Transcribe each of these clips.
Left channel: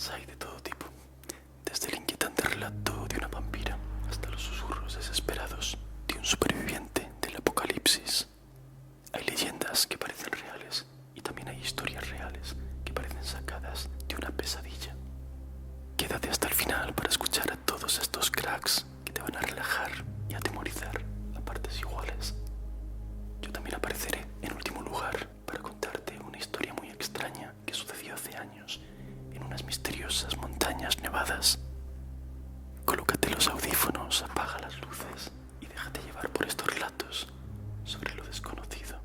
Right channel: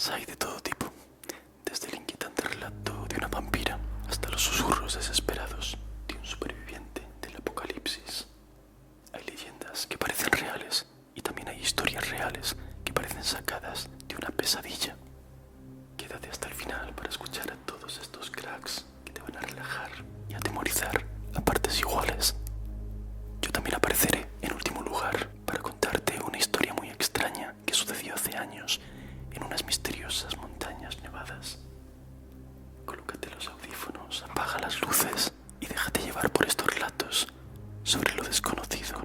Las hay de todo tipo, desde el inquietante relato de una vampira hasta los susurros desesperados de un superviviente del apocalipsis. Hay leyendas que parecen reales y también hay historias reales que parecen sacadas de una pesadilla. Quédate hasta el final para escuchar a todos estos cracks que te van a relajar y atemorizar a partes iguales. Yo también apareceré en último lugar para contarte una historia muy extraña que sucedió hace años en unas misteriosas montañas nevadas. Colócate los audífonos, apaga las luces y déjate llevar por estos relatos sobre lo desconocido.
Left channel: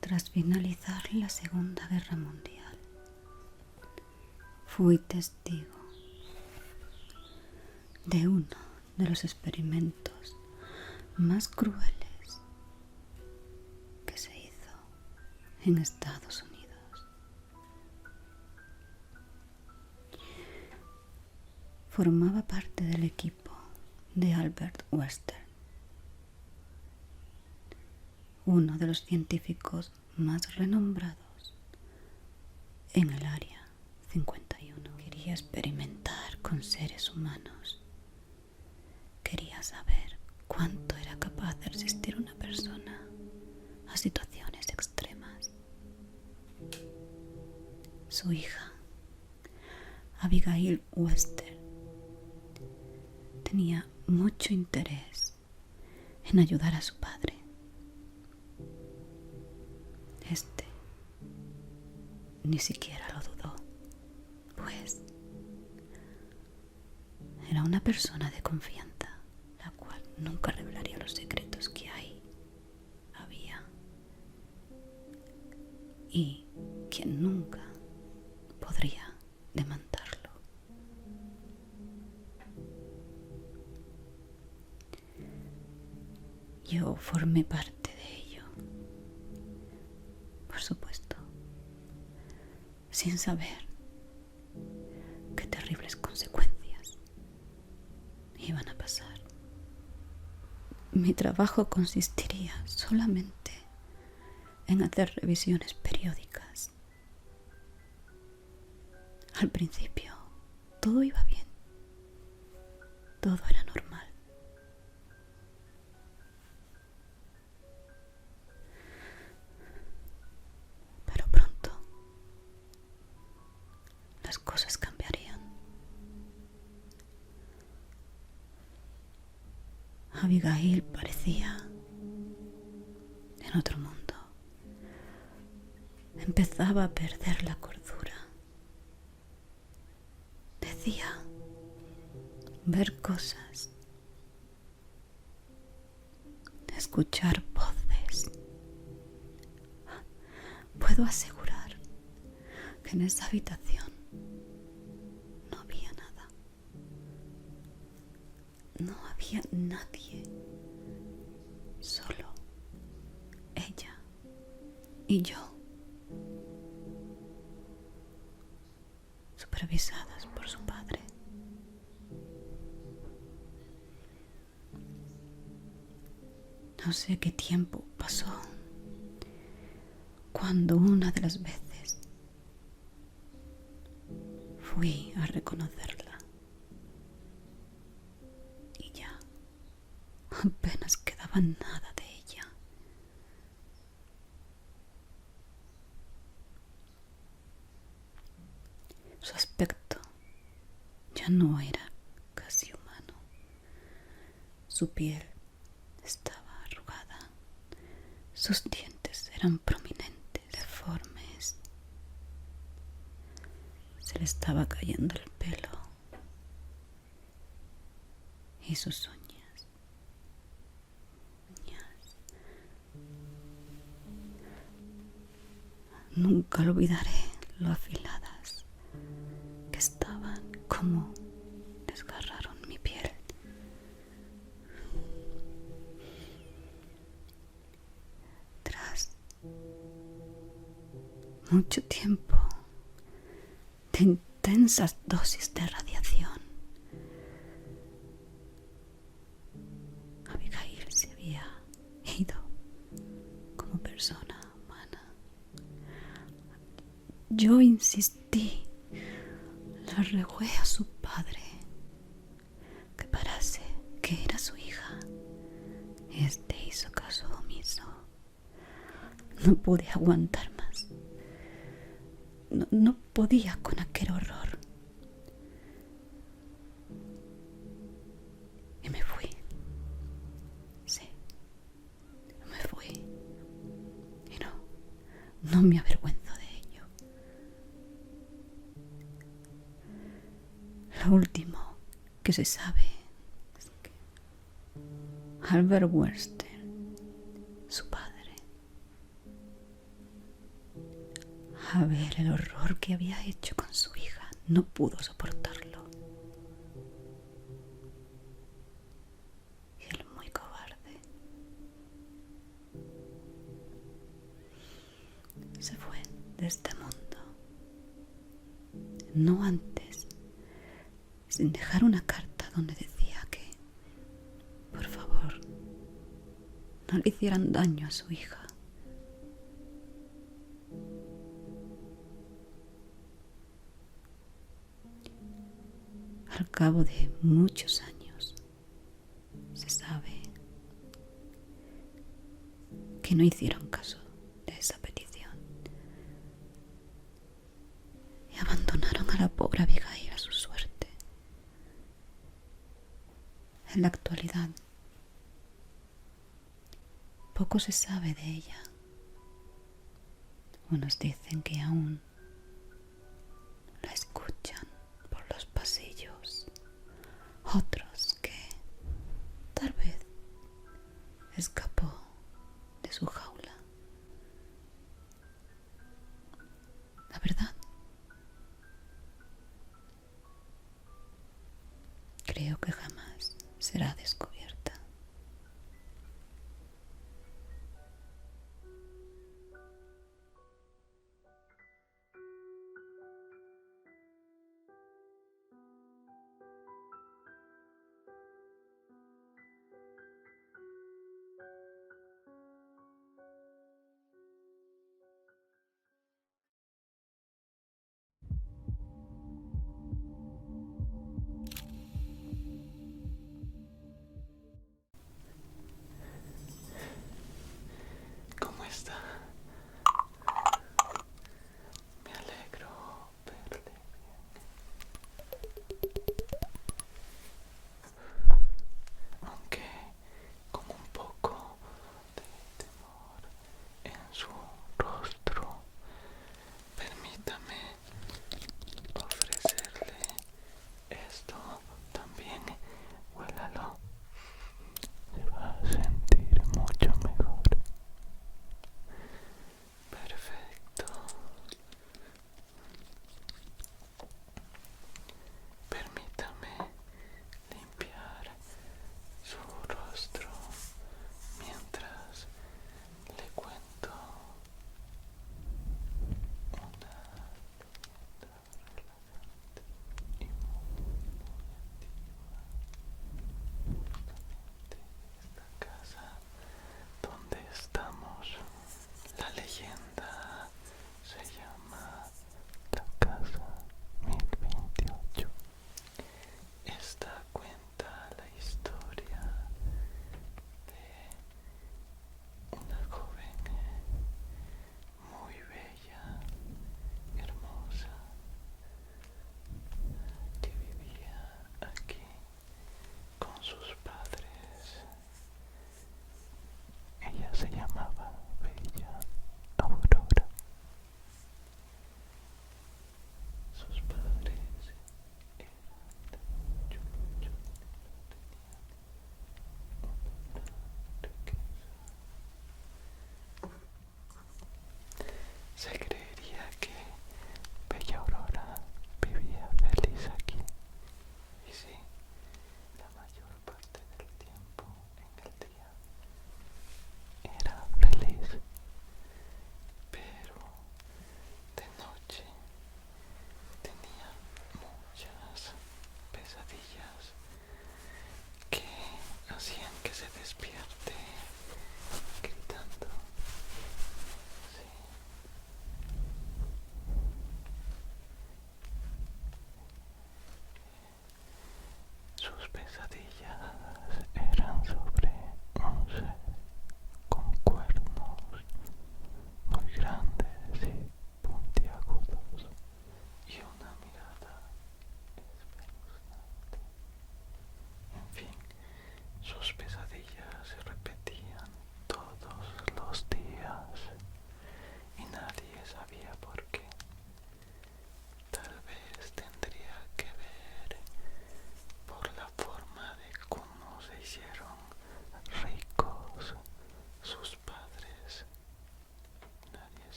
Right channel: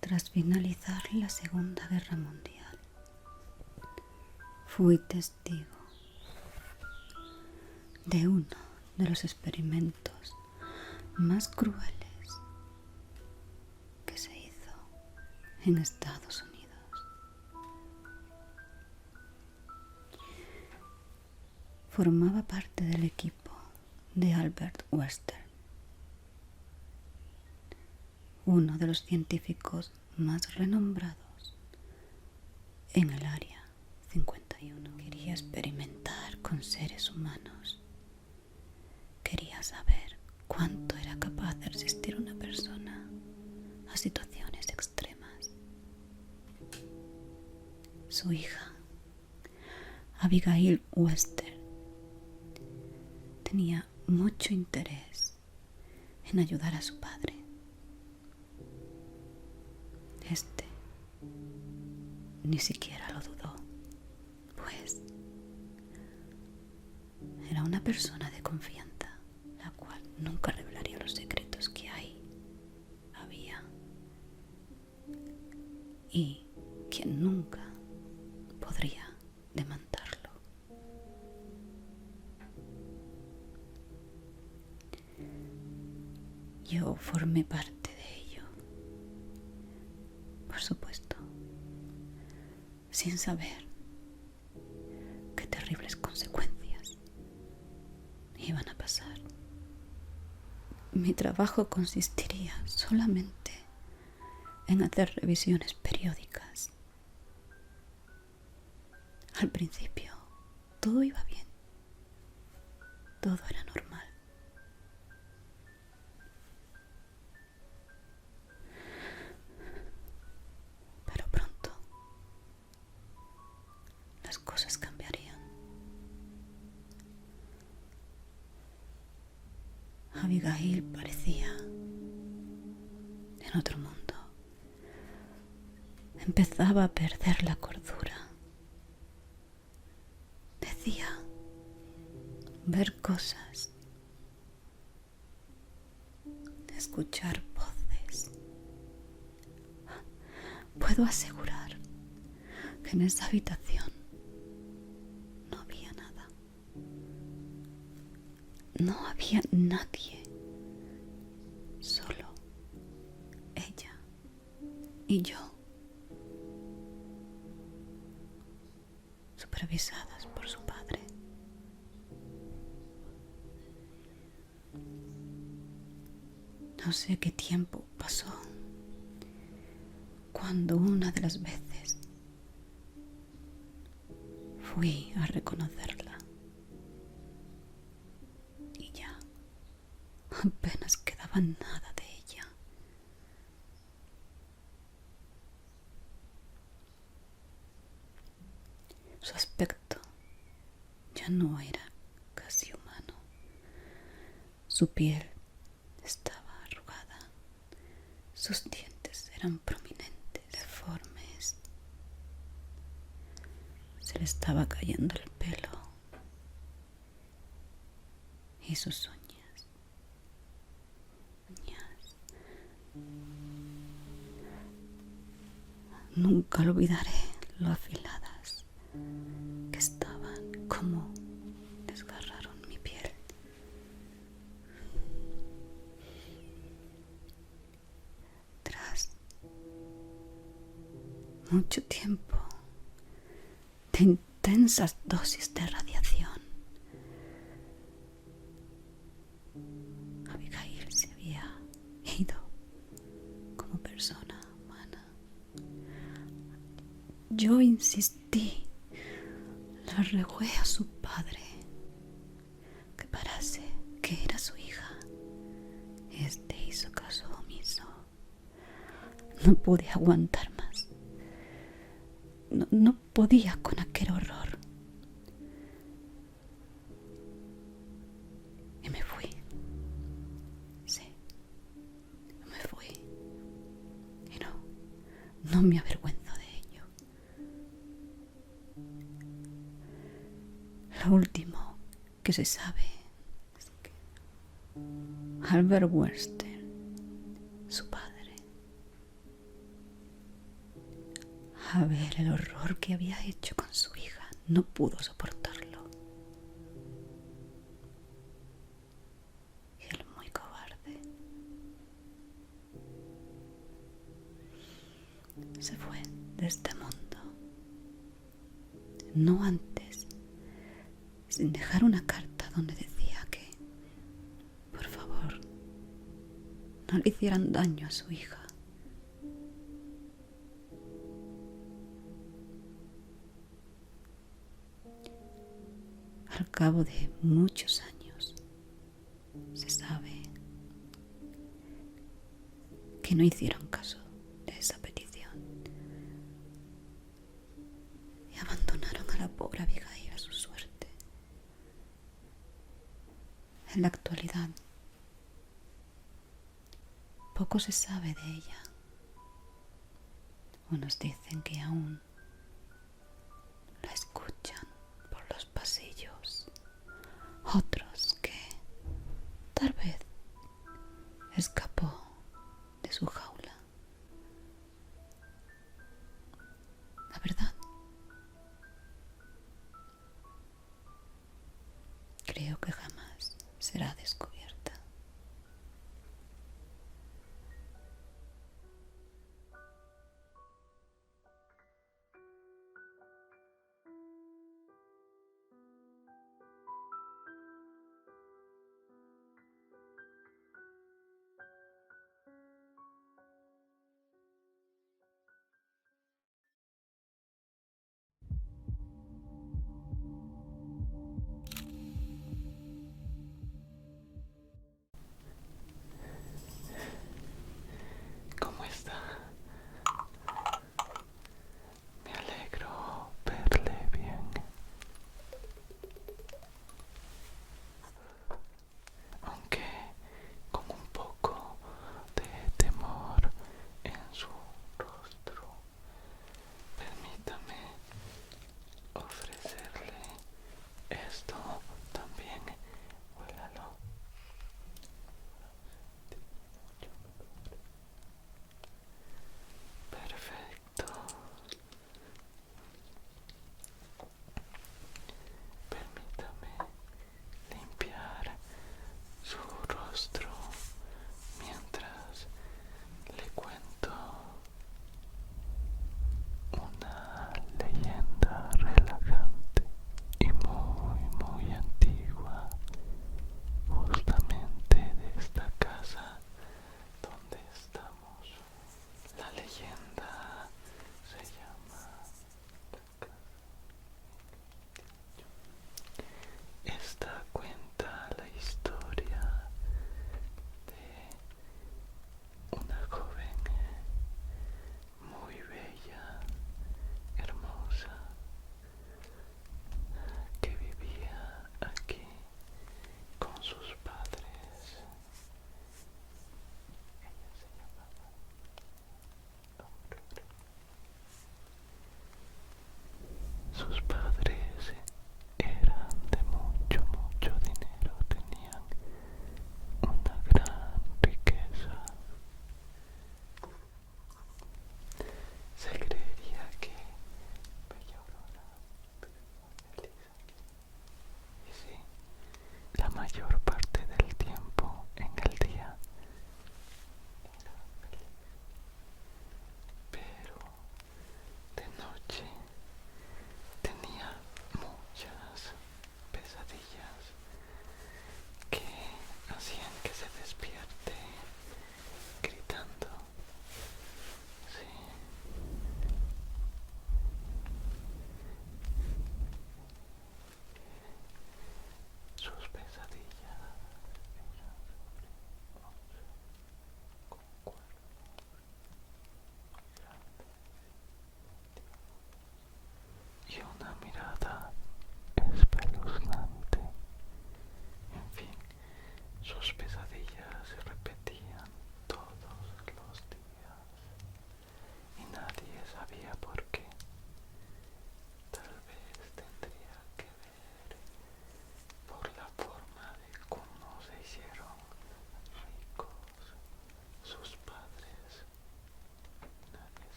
Tras finalizar la Segunda Guerra Mundial, fui testigo de uno de los experimentos más crueles que se hizo en Estados Unidos. Formaba parte del equipo de Albert Western, uno de los científicos más renombrados en el Área 51. Quería experimentar con seres humanos. Quería saber cuánto era capaz de resistir una persona a situaciones extremas. Su hija, Abigail Western, tenía mucho interés en ayudar a su padre. Este ni siquiera lo dudó, pues era una persona de confianza, la cual nunca revelaría los secretos que había, y quien nunca podría demandarlo. Yo formé parte de ello, por supuesto, sin saber qué terribles consecuencias iban a pasar. Mi trabajo consistiría solamente en hacer revisiones periódicas. Al principio, todo iba bien. Todo era normal. Pero pronto, las cosas cambiarían. Abigail parecía en otro mundo. Empezaba a perder la cordura. Decía ver cosas, escuchar voces. Puedo asegurar que en esa habitación no había nada. No había nadie. Solo ella y yo, supervisadas por su padre. No sé qué tiempo pasó cuando una de las veces fui a reconocerla y ya apenas quedaba nada de ella. Su aspecto ya no era casi humano. Su piel estaba arrugada. Sus dientes eran prominentes, deformes. Se le estaba cayendo el pelo y sus uñas. Nunca lo olvidaré lo afiladas que estaban, como desgarraron mi piel. Tras mucho tiempo de intensas dosis de radiación. Abigail se había ido como persona humana. Yo insistí, le rogué a su padre que parase, que era su hija. Este hizo caso omiso. No pude aguantar más. No podía con aquel horror. Y me fui. Sí, me fui. Y no me avergüenzo de ello. Lo último que se sabe es que Albert Weinstein, su padre, a ver el horror que había hecho con su hija, no pudo soportarlo. Y él, muy cobarde, se fue de este mundo. No antes, sin dejar una carta donde decía que, por favor, no le hicieran daño a su hija. Al cabo de muchos años, se sabe que no hicieron caso de esa petición y abandonaron a la pobre Abigail a su suerte. En la actualidad, poco se sabe de ella. Unos dicen que aún la escuchan por los pasillos, otros que tal vez escapó de su jaula. La verdad, creo que jamás será descubierta.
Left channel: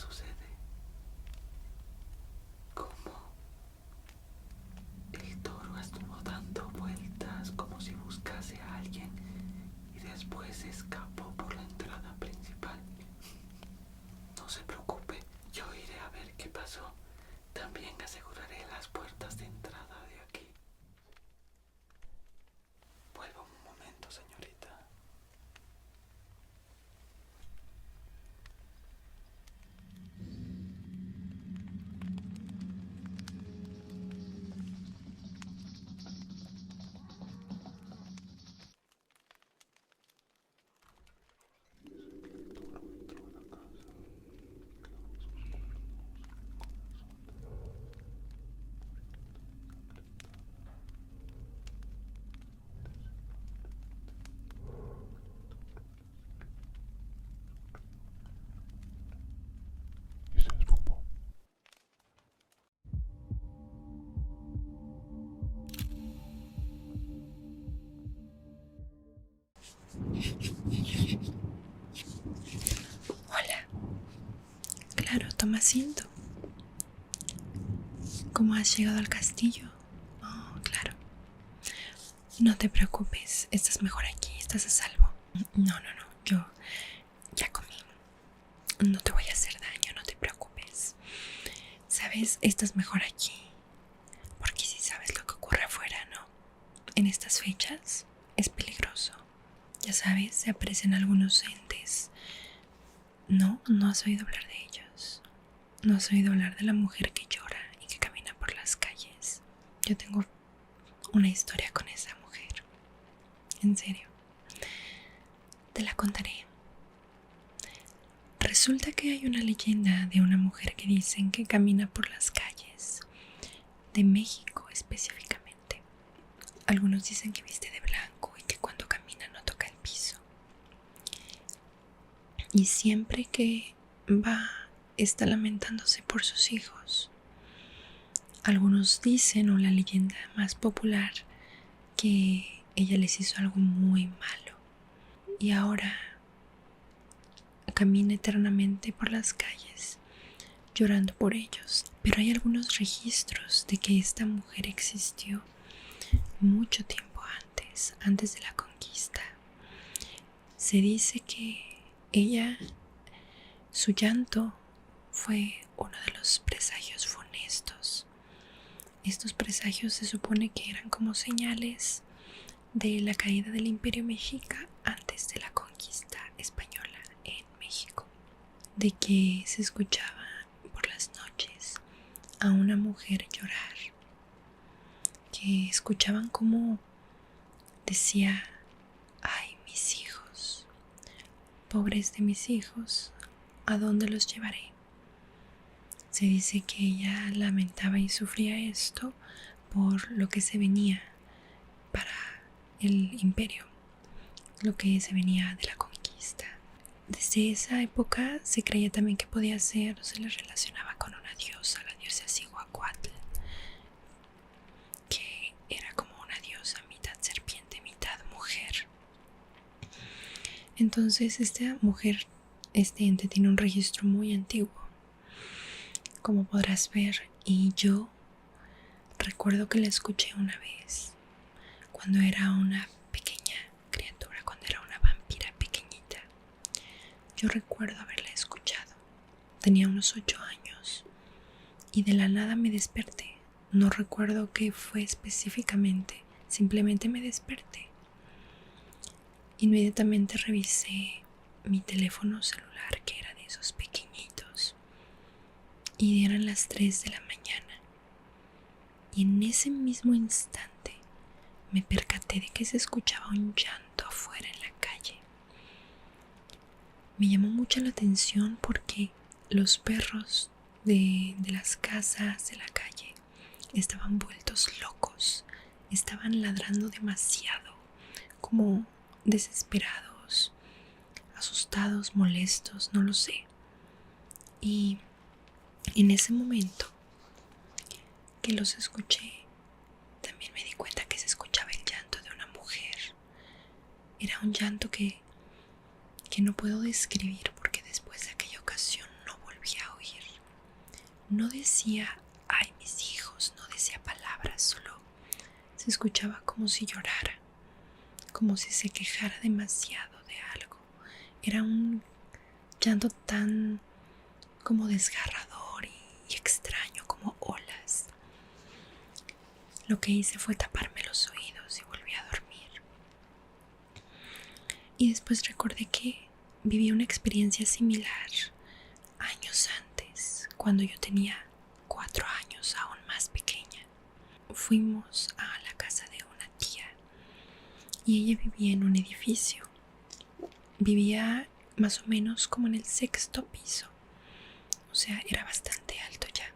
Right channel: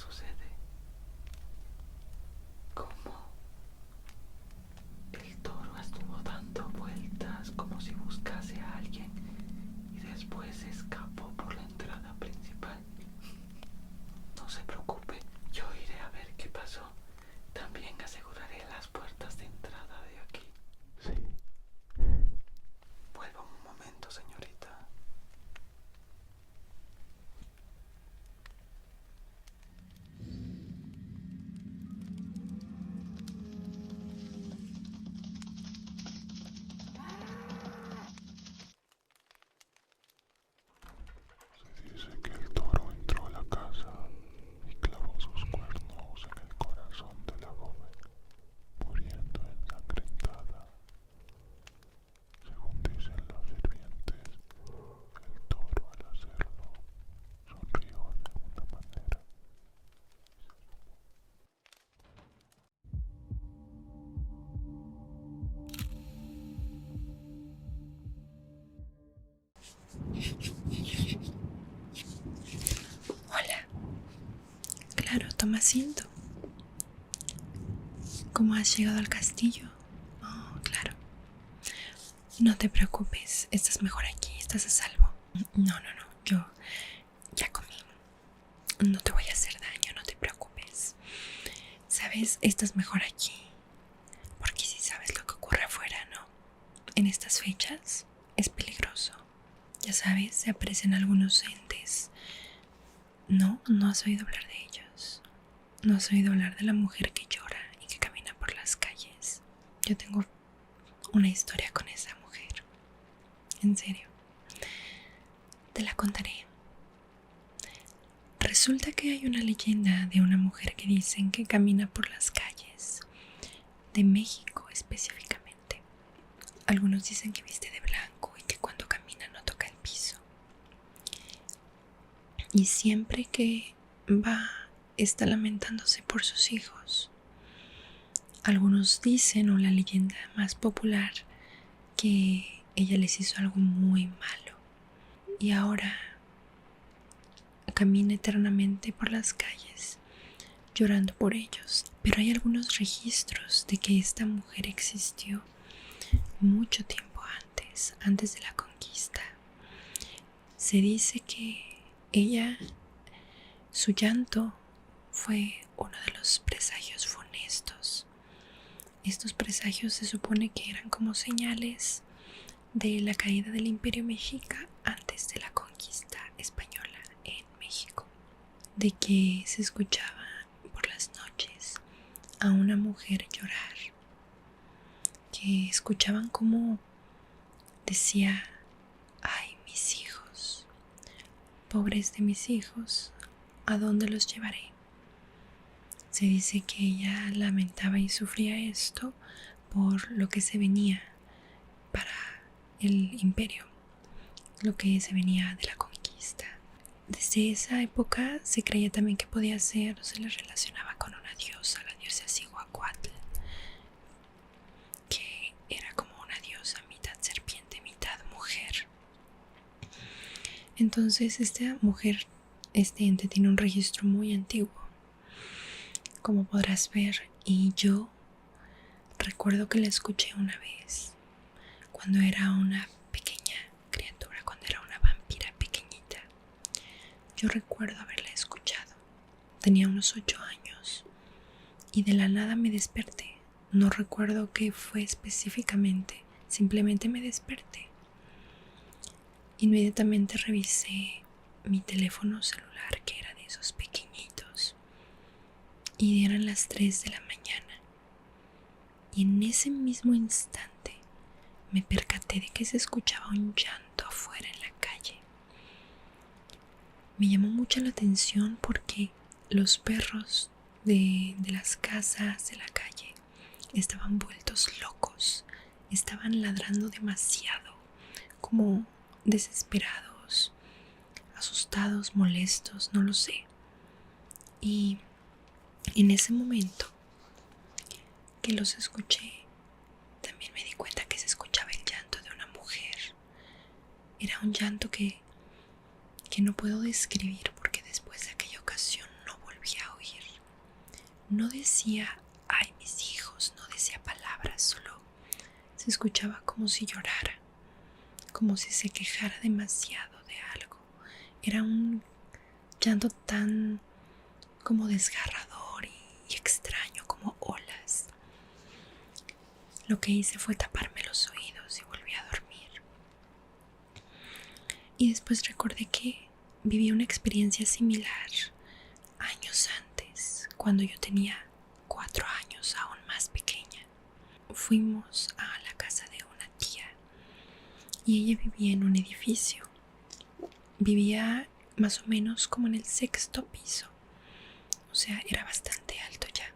sucede? ¿Cómo? El toro estuvo dando vueltas como si buscase a alguien y después escapó por la entrada principal. No se preocupe, yo iré a ver qué pasó. También aseguraré las puertas de entrada de aquí. Sí. Vuelva un momento, señorita. Se dice que el toro entró a la casa y clavó sus cuernos en el corazón de la joven, muriendo ensangrentada. Según dicen los sirvientes, el toro al hacerlo sonrió de alguna manera y se esfumó. Hola, claro, toma asiento. ¿Cómo has llegado al castillo? Oh, claro. No te preocupes, estás mejor aquí, estás a salvo. No, yo ya comí. No te voy a hacer daño, no te preocupes. ¿Sabes? Estás mejor aquí. Porque si sabes lo que ocurre afuera, ¿no? En estas fechas es peligroso. Ya sabes, se aparecen algunos entes. No, no has oído hablar de ellos. No has oído hablar de la mujer que llora y que camina por las calles. Yo tengo una historia con esa mujer. En serio. Te la contaré. Resulta que hay una leyenda de una mujer que dicen que camina por las calles de México específicamente. Algunos dicen que viste de blanco y que cuando camina no toca el piso. Y siempre que va está lamentándose por sus hijos. Algunos dicen, o la leyenda más popular, que ella les hizo algo muy malo y ahora camina eternamente por las calles llorando por ellos. Pero hay algunos registros de que esta mujer existió mucho tiempo antes de la conquista. Se dice que ella, su llanto fue uno de los presagios funestos. Estos presagios se supone que eran como señales de la caída del Imperio Mexica antes de la conquista española en México, de que se escuchaba por las noches a una mujer llorar, que escuchaban como decía: ay, mis hijos, pobres de mis hijos, ¿a dónde los llevaré? Se dice que ella lamentaba y sufría esto por lo que se venía para el imperio, lo que se venía de la conquista. Desde esa época se creía también que podía ser, o se le relacionaba con una diosa, la diosa Cihuacuatl, que era como una diosa mitad serpiente, mitad mujer. Entonces esta mujer, este ente tiene un registro muy antiguo, como podrás ver, y yo recuerdo que la escuché una vez cuando era una pequeña criatura, cuando era una vampira pequeñita. Yo recuerdo haberla escuchado. Tenía unos 8 años y de la nada me desperté. No recuerdo qué fue específicamente, simplemente me desperté. Inmediatamente revisé mi teléfono celular, que era de esos pequeñitos, y eran las 3 de la mañana. Y en ese mismo instante me percaté de que se escuchaba un llanto afuera en la calle. Me llamó mucho la atención porque los perros de las casas de la calle estaban vueltos locos, estaban ladrando demasiado, como desesperados, asustados, molestos, no lo sé. Y en ese momento que los escuché, también me di cuenta que se escuchaba el llanto de una mujer. Era un llanto que no puedo describir porque después de aquella ocasión no volví a no decía ay mis hijos, no decía palabras, solo se escuchaba como si llorara, como si se quejara demasiado de algo. Era un llanto tan como desgarrador y extraño, como olas. Lo que hice fue taparme los oídos y volví a dormir. Y después recordé que viví una experiencia similar años antes, cuando yo tenía 4 años, aún más pequeña. Fuimos a la casa de una tía y ella vivía en un edificio. Vivía más o menos como en el 6.º piso, o sea, era bastante alto ya.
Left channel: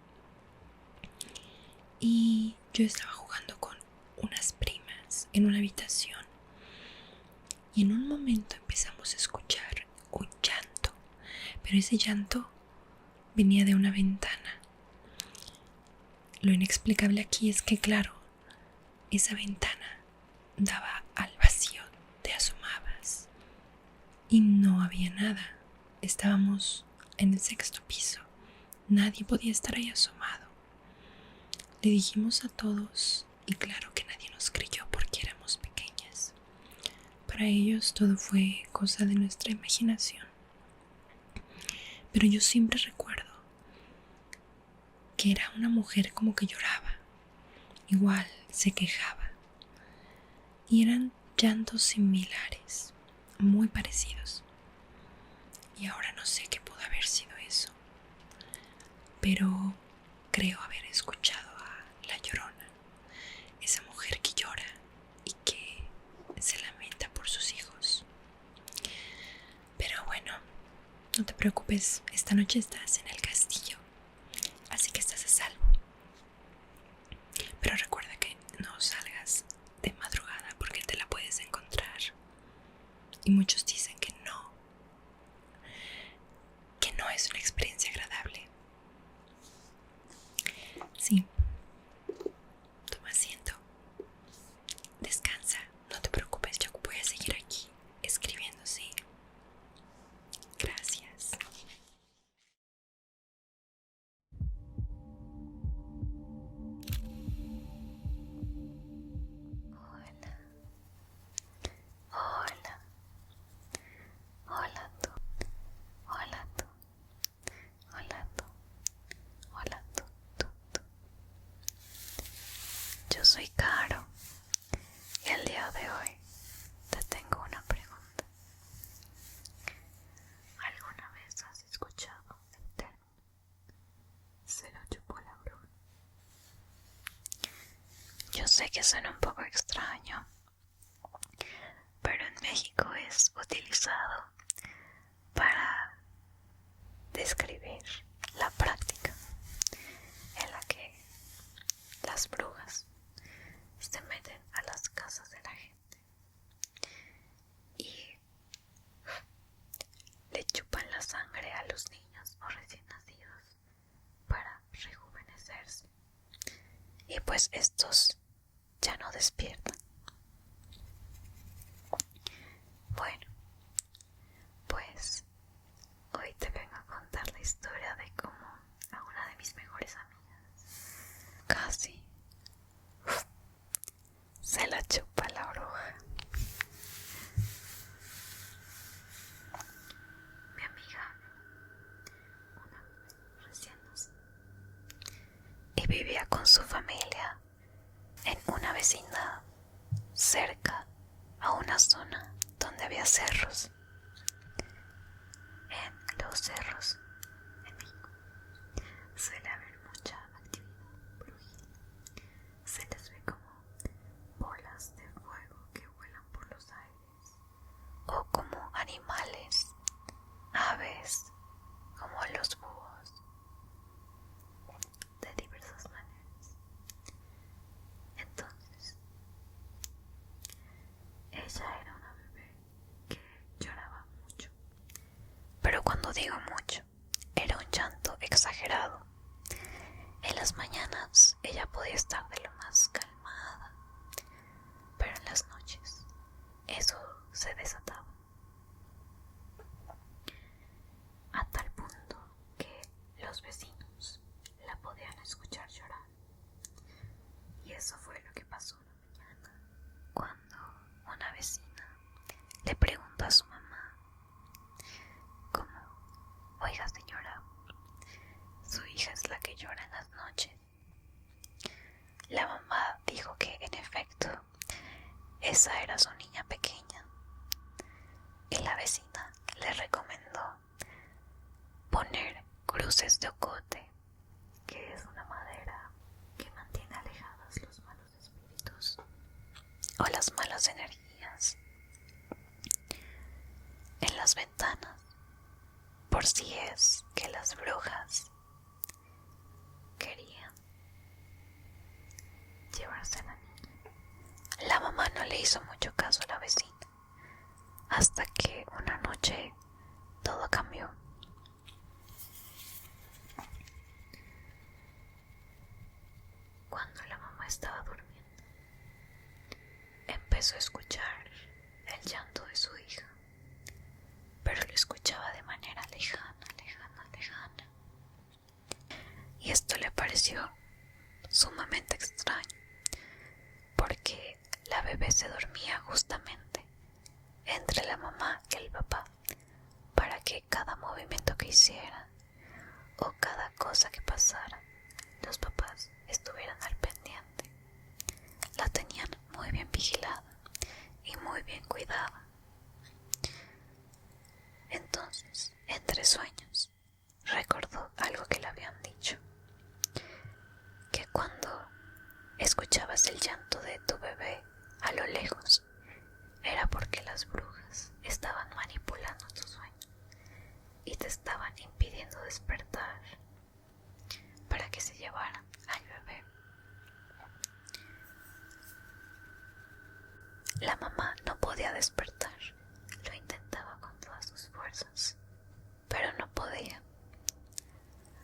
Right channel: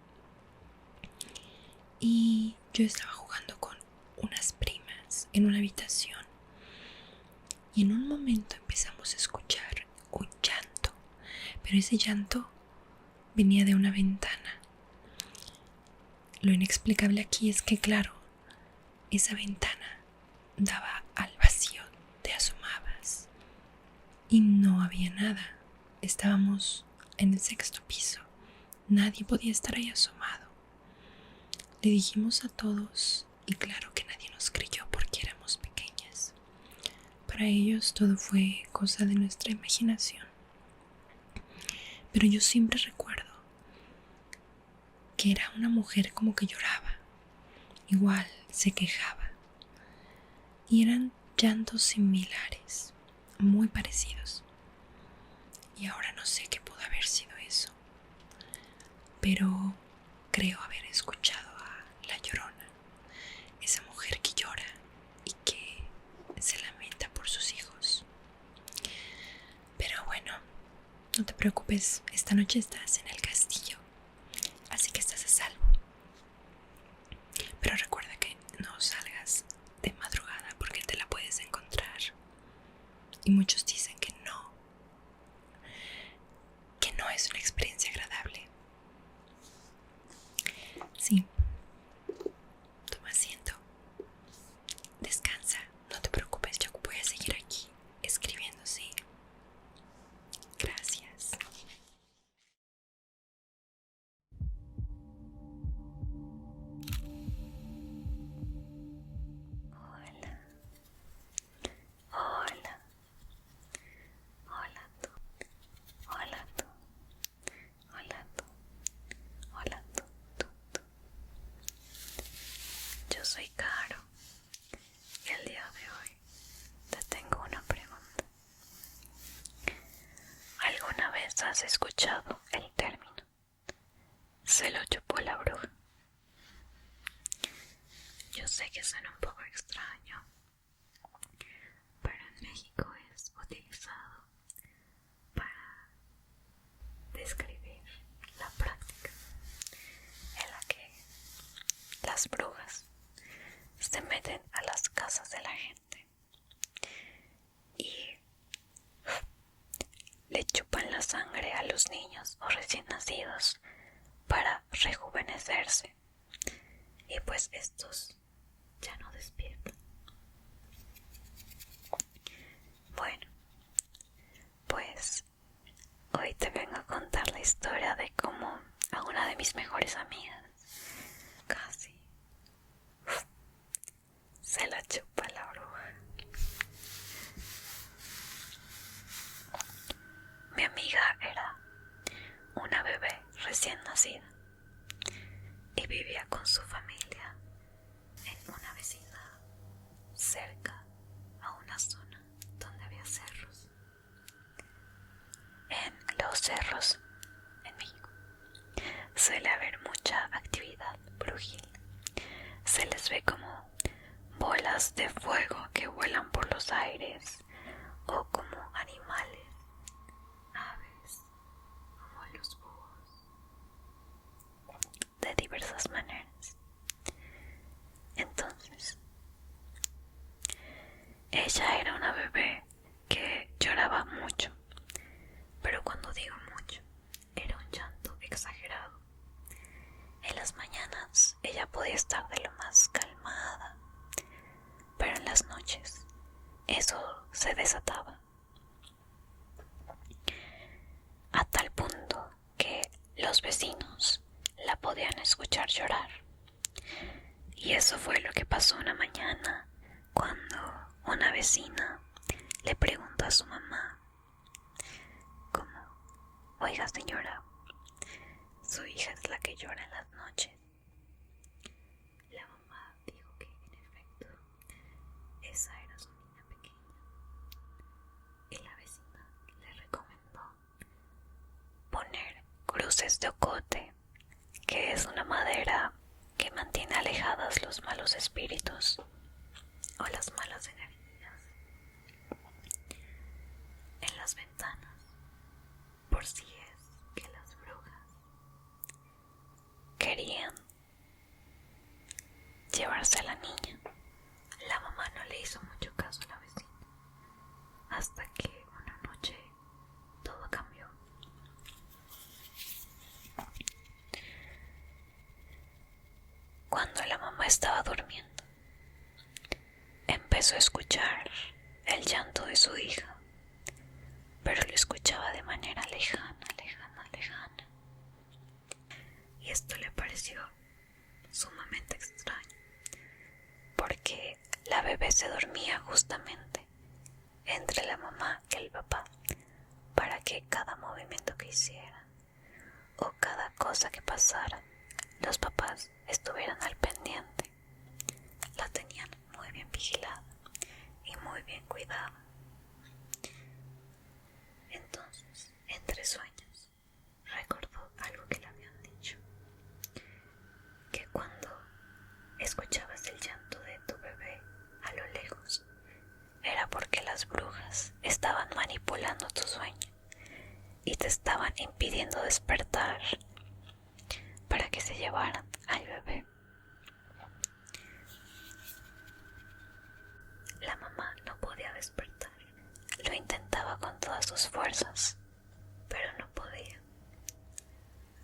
Y yo estaba jugando con unas primas en una habitación y en un momento empezamos a escuchar un llanto, pero ese llanto venía de una ventana. Lo inexplicable aquí es que, claro, esa ventana daba al vacío, te asomabas y no había nada. Estábamos en el 6.º piso, nadie podía estar ahí asomado. Le dijimos a todos y claro que nadie nos creyó porque éramos pequeñas. Para ellos todo fue cosa de nuestra imaginación. Pero yo siempre recuerdo que era una mujer como que lloraba, igual se quejaba. Y eran llantos similares, muy parecidos. Y ahora no sé qué pudo haber sido eso, pero creo haber escuchado a la Llorona, esa mujer que llora y que se lamenta por sus hijos. Pero bueno, no te preocupes, esta noche estás en el castillo, así que estás a salvo. Pero recuerda que no salgas de madrugada porque te la puedes encontrar. Y muchos dicen que no es una experiencia agradable. Sí, toma asiento, descansa, no te preocupes, yo voy a seguir aquí escribiendo, sí. Gracias. Hola, hola, hola tú, hola tú, hola tú, hola tú. Yo soy Caro y el día de hoy te tengo una pregunta. ¿Alguna vez has escuchado el término "se lo chupó la bruja"? Yo sé que suena un poco extraño, pero en México es utilizado para describir la práctica en la que las brujas se meten a las casas de la gente y le chupan la sangre a los niños o recién nacidos para rejuvenecerse, y pues estos ya no despiertan. Bueno, pues hoy te vengo a contar la historia de cómo a una de mis mejores amigas casi se la chupa la bruja. Mi amiga era una bebé recién nacida y vivía con su familia en una vecindad cerca a una zona donde había cerros. En los cerros en México suele haber mucha actividad brujil. Se les ve como bolas de fuego que vuelan por los aires, o como animales, aves, como los búhos, de diversas maneras. Entonces, ella era una bebé que lloraba mucho, pero cuando digo mucho, era un llanto exagerado. En las mañanas ella podía estar de lo más calmada, pero en las noches eso se desataba, a tal punto que los vecinos la la podían escuchar llorar. Y eso fue lo que pasó una mañana cuando una vecina le preguntó a su mamá, como, oiga señora, su hija es la que llora en las noches. La mamá dijo que en efecto esa era su niña pequeña, y la vecina le recomendó poner cruces de ocote, que es una madera que mantiene alejadas los malos espíritus o las malas energías, en las ventanas, por si es que las brujas querían llevarse a la niña. La mamá no le hizo mucho caso a la vecina, hasta que una noche todo cambió. Cuando la mamá estaba durmiendo, empezó a escuchar el llanto de su hija, pero lo escuchaba de manera lejana. Y esto le pareció sumamente extraño, porque la bebé se dormía justamente entre la mamá y el papá, para que cada movimiento que hiciera o cada cosa que pasara, los papás estuvieran al pendiente. La tenían muy bien vigilada y muy bien cuidada. Entonces, entre sueños, recordó algo que le habían dicho, que cuando escuchabas el llanto de tu bebé a lo lejos, era porque las brujas estaban manipulando tu sueño y te estaban impidiendo despertar para que se llevaran al bebé. La mamá no podía despertar, lo intentaba con todas sus fuerzas, pero no podía.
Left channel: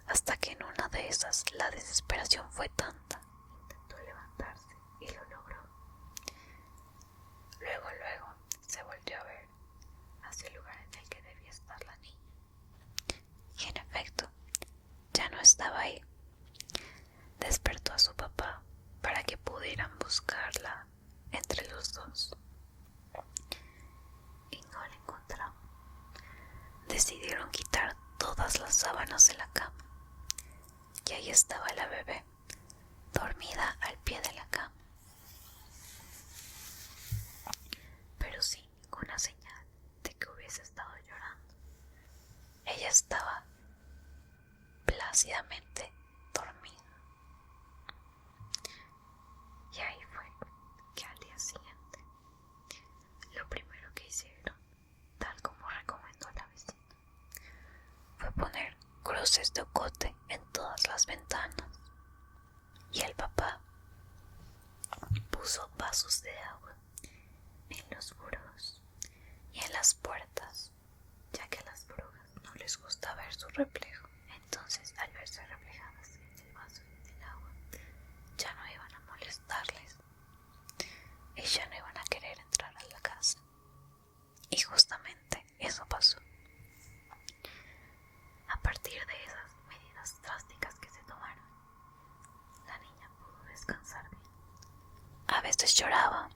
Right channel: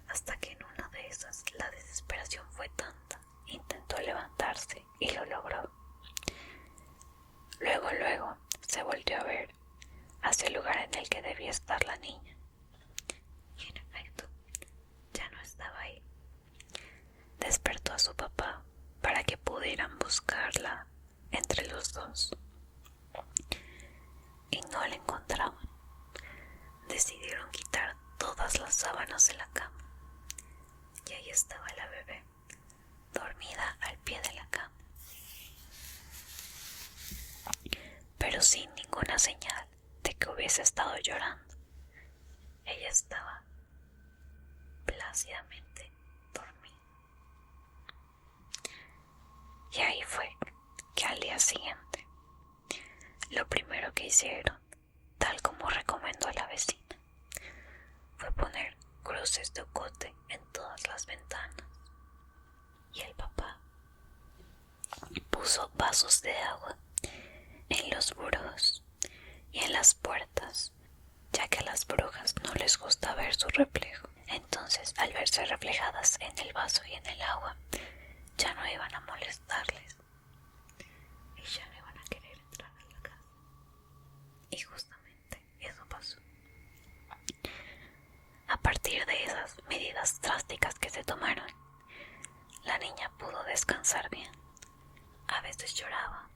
Hasta que en una de esas la desesperación fue tanta, intentó levantarse y lo logró. Luego se volvió a ver hacia el lugar en el que debía estar la niña. Y en efecto, ya no estaba ahí. Despertó a su papá para que pudieran buscarla entre los dos. Y no la encontraban. Decidieron quitar todas las sábanas de la cama. Y ahí estaba la bebé, dormida al pie de la cama, pero sin ninguna señal de que hubiese estado llorando. Ella estaba plácidamente dormida. Y ahí fue que al día siguiente, lo primero que hicieron, tal como recomendó la vecina, fue poner cruces de ocote en todas las ventanas. Y el papá puso vasos de agua en los burós y en las puertas, ya que a las brujas no les gusta ver su reflejo. Entonces, al verse reflejadas en el vaso y en el agua, ya no iban a molestarles y ya no iban a querer entrar a la casa. Y justamente eso pasó. A partir de esas medidas drásticas que se tomaron, la niña pudo descansar bien. A veces lloraba,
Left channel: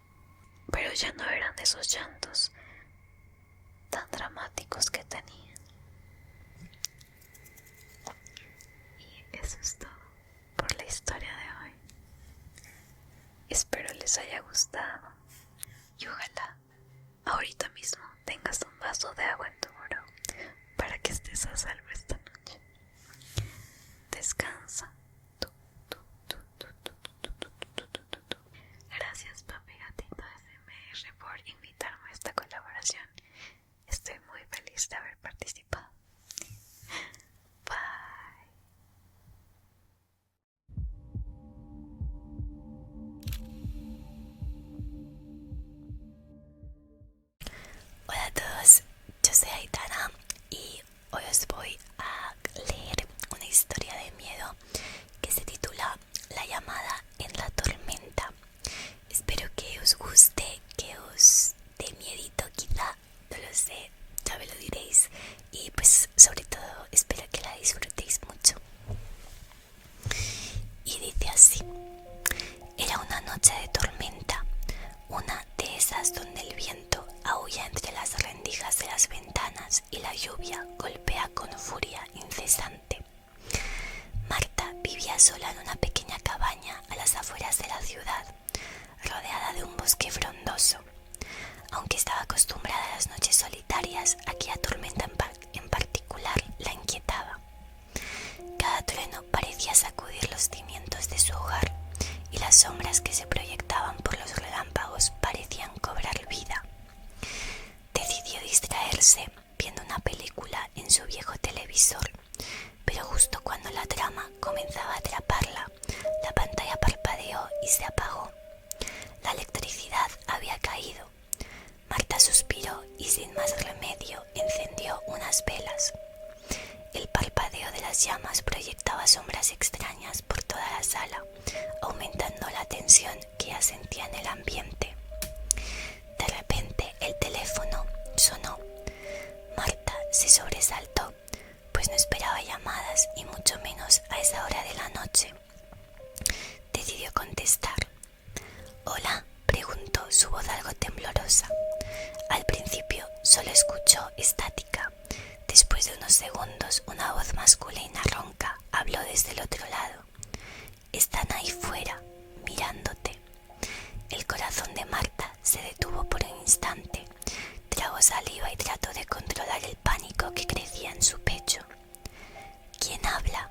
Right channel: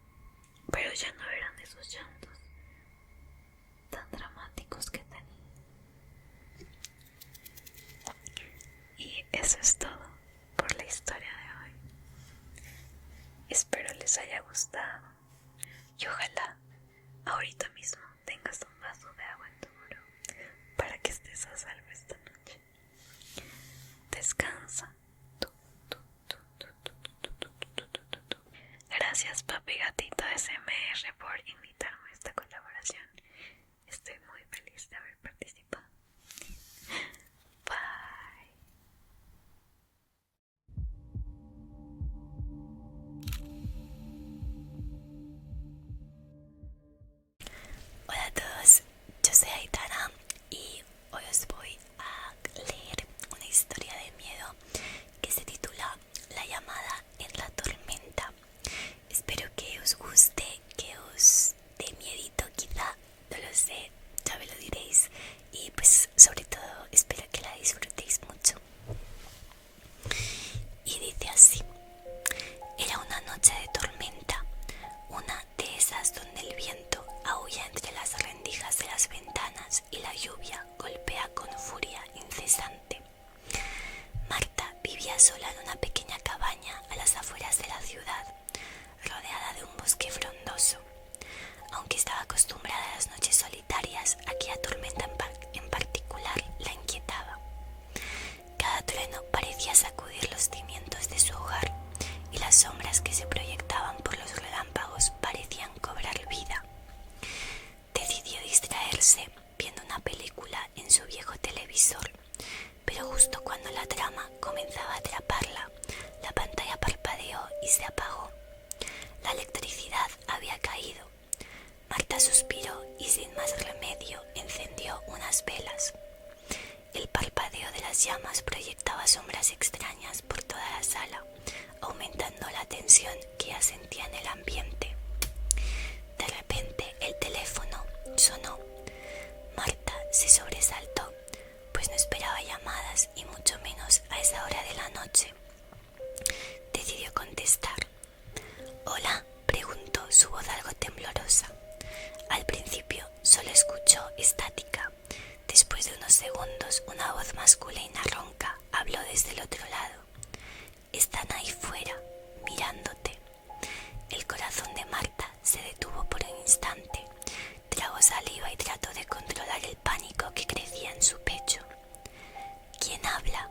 pero ya no eran esos llantos tan dramáticos que tenía. Y eso es todo por la historia de hoy. Espero les haya gustado y ojalá ahorita mismo tengas un vaso de agua en tu buró para que estés a salvo esta noche. Descansa. Gracias Papi Gatito SMR por invitarme a esta colaboración. Estoy muy feliz de haber participado. Bye. Hola a todos, yo soy Aitana y hoy os voy a leer una historia de miedo que se titula La llamada en la tormenta. Espero que os guste, que os dé miedito quizá, no lo sé, ya me lo diréis. Y pues sobre todo espero que la disfrutéis mucho. así. Era una noche de tormenta, una de esas donde el viento aúlla entre las rendijas de las ventanas y la lluvia golpea con furia incesante. Marta vivía sola en una pequeña cabaña a las afueras de la ciudad, rodeada de un bosque frondoso. Aunque estaba acostumbrada a las noches solitarias, aquella tormenta en particular la inquietaba. Cada trueno parecía sacudir los cimientos de su hogar y las sombras que se proyectaban por los relámpagos parecían cobrar vida. Decidió distraerse viendo una película en su viejo televisor, pero justo cuando la trama comenzaba a atraparla, la pantalla parpadeó y se apagó. La electricidad había caído. Marta suspiró y sin más remedio encendió unas velas. El parpadeo de las llamas proyectaba sombras extrañas por toda la sala, aumentando la tensión que ya sentía en el ambiente. De repente el teléfono sonó. Marta se sobresaltó, pues no esperaba llamadas y mucho menos a esa hora de la noche. Decidió contestar. «Hola», preguntó, su voz algo temblorosa. Al principio solo escuchó estática. Después de unos segundos, una voz masculina ronca habló desde el otro lado. «Están ahí fuera, mirándote». El corazón de Marta se detuvo por un instante. Tragó saliva y trató de controlar el pánico que crecía en su pecho. «¿Quién habla?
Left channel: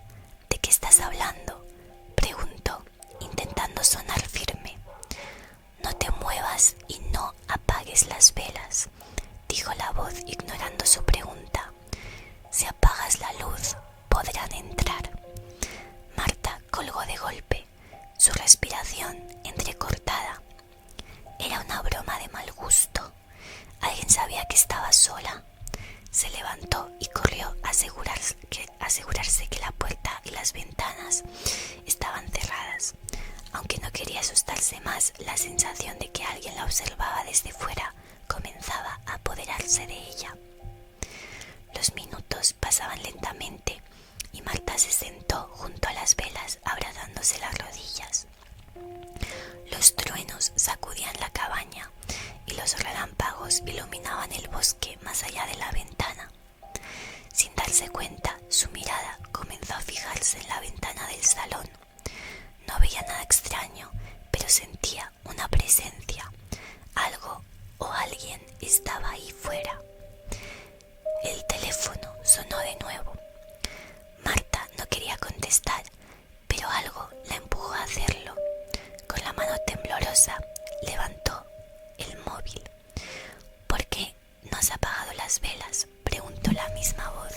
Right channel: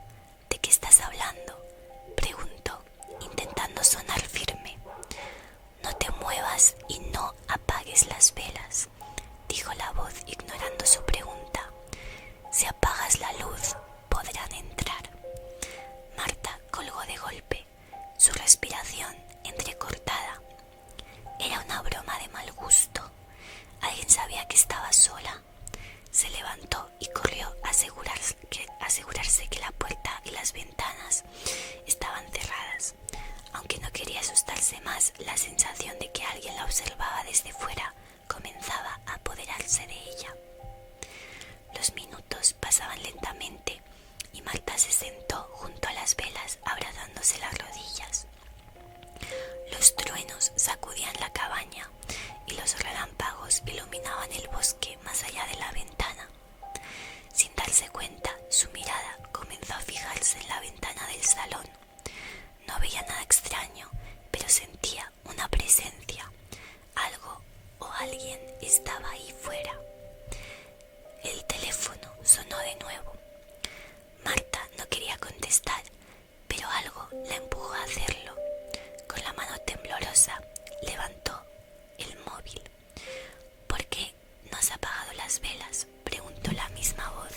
¿De qué estás hablando?», preguntó, intentando sonar firme. «No te muevas y no apagues las velas», dijo la voz ignorando su pregunta. «Si apagas la luz, podrán entrar». Marta colgó de golpe, su respiración entrecortada. Era una broma de mal gusto. ¿Alguien sabía que estaba sola? Se levantó y corrió a asegurarse que la puerta y las ventanas estaban cerradas. Aunque no quería asustarse más, la sensación de que alguien la observaba desde fuera comenzaba a apoderarse de ella. Los minutos pasaban lentamente y Marta se sentó junto a las velas abrazándose las rodillas. Los truenos sacudían la cabaña y los relámpagos iluminaban el bosque más allá de la ventana. Sin darse cuenta, su mirada comenzó a fijarse en la ventana del salón. No veía nada extraño, pero sentía una presencia. Algo o alguien estaba ahí fuera. El teléfono sonó de nuevo. Marta no quería contestar, pero algo la empujó a hacerlo. Con la mano temblorosa levantó el móvil. «¿Por qué no has apagado las velas?», preguntó la misma voz.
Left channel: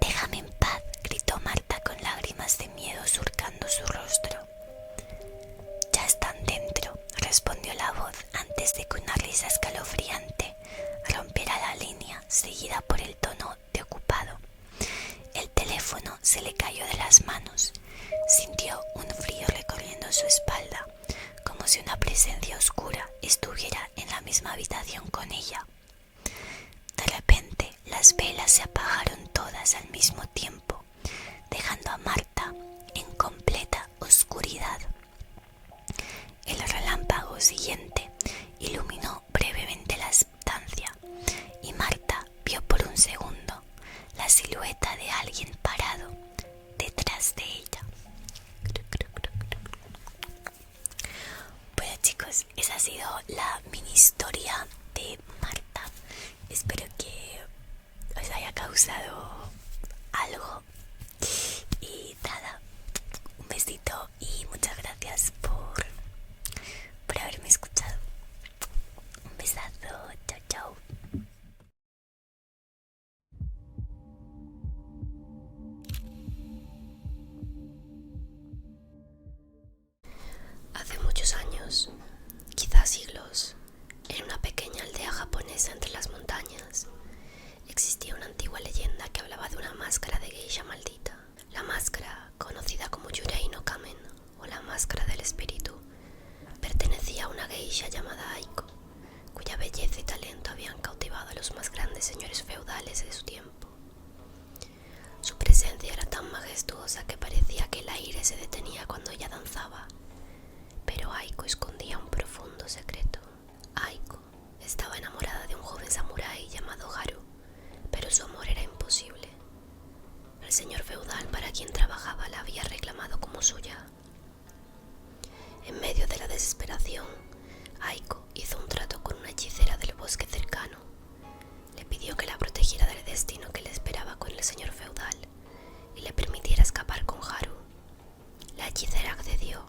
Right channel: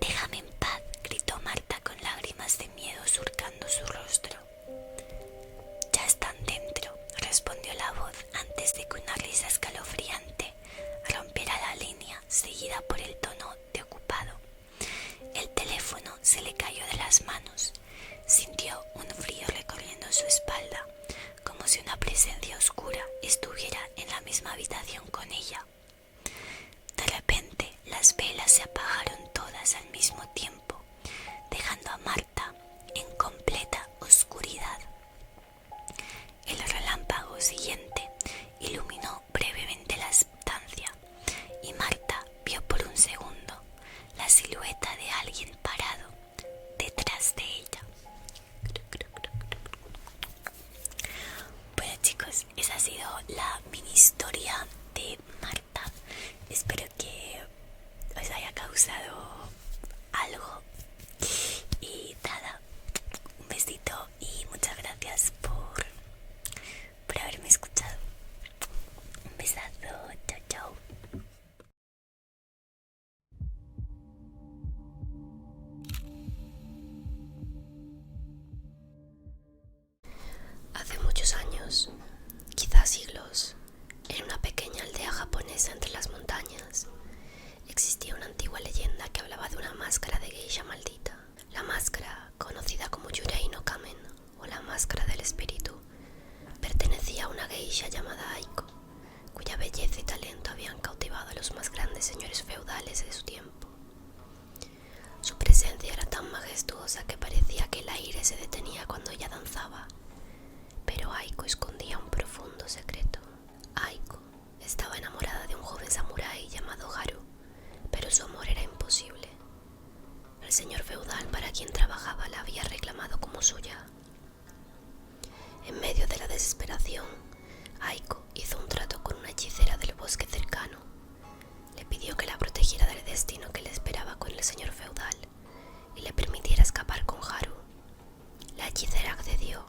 «Déjame en paz», gritó Marta con lágrimas de miedo surcando su rostro. «Ya están dentro», respondió la voz antes de que una risa escalofriante rompiera la línea, seguida por el tono de ocupado. El teléfono se le cayó de las manos. Sintió un frío recorriendo su espalda, como si una presencia oscura estuviera en la misma habitación con ella. De repente, las velas se apagaron todas al mismo tiempo, dejando a Marta en completa oscuridad. El relámpago siguiente iluminó brevemente la estancia y Marta vio por un segundo la silueta de alguien parado detrás de ella. Bueno, chicos, esa ha sido la mini historia de Marta. Espero que os haya causado algo. Y nada, un besito y muchas gracias por haberme escuchado. Un besazo, chao, chao. Hace muchos años, quizás siglos, en una pequeña aldea japonesa entre las montañas, existía una antigua leyenda que hablaba que se detenía cuando ella danzaba, pero Aiko escondía un profundo secreto. Aiko estaba enamorada de un joven samurái llamado Haru, pero su amor era imposible. El señor feudal para quien trabajaba la había reclamado como suya. En medio de la desesperación, Aiko hizo un trato con una hechicera del bosque cercano. Le pidió que la protegiera del destino que le esperaba con el señor feudal y le permitiera escapar con Haru. La hechicera accedió,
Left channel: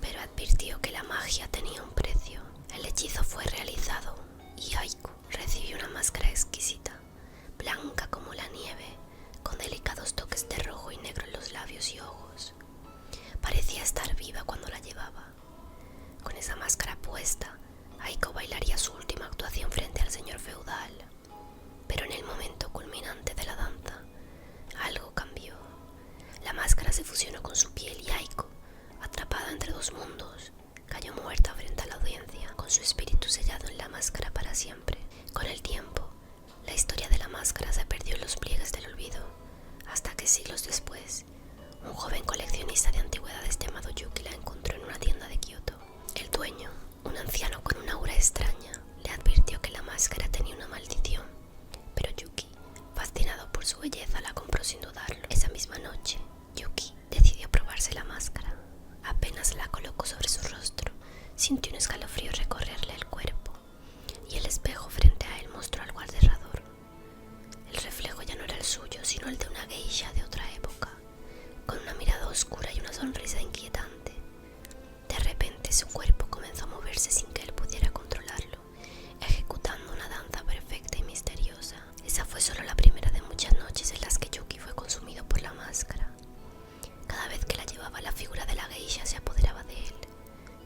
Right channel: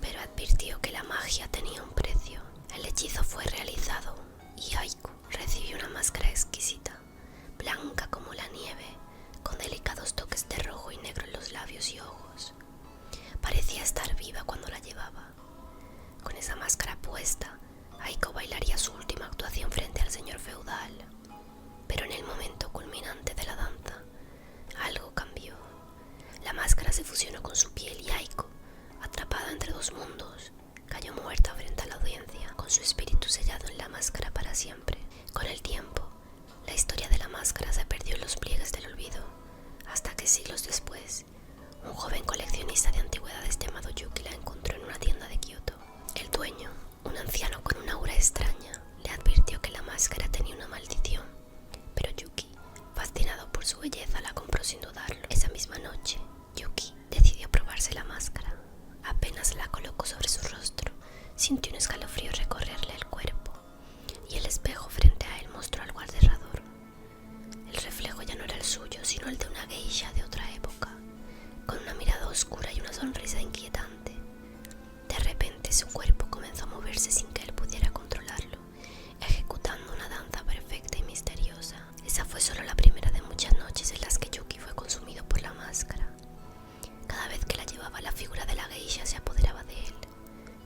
pero advirtió que la magia tenía un precio. El hechizo fue realizado y Aiko recibió una máscara exquisita, blanca como la nieve, con delicados toques de rojo y negro en los labios y ojos. Parecía estar viva cuando la llevaba. Con esa máscara puesta, Aiko bailaría su última actuación frente al señor feudal. Pero en el momento culminante de la danza, algo cambió. La máscara se fusionó con su piel y Aiko, atrapada entre dos mundos, cayó muerta frente a la audiencia, con su espíritu sellado en la máscara para siempre. Con el tiempo, la historia de la máscara se perdió en los pliegues del olvido, hasta que siglos después, un joven coleccionista de antigüedades llamado Yuki la encontró en una tienda de Kioto. El dueño, un anciano con una aura extraña, le advirtió que la máscara tenía una maldición, pero Yuki, fascinado por su belleza, la compró sin dudarlo. Esa misma noche, Yuki decidió probarse la máscara. Apenas la colocó sobre su rostro, sintió un escalofrío recorrerle el cuerpo, y el espejo frente a él mostró algo aterrador. El reflejo ya no era el suyo, sino el de una geisha de otra época, con una mirada oscura y una sonrisa inquietante. De repente su cuerpo comenzó a moverse sin que él pudiera controlarlo, ejecutando una danza perfecta y misteriosa. Esa fue solo la primera de muchas noches en las que Yuki fue consumido por la máscara. Cada vez que la llevaba, la figura de la geisha se apoderaba de él,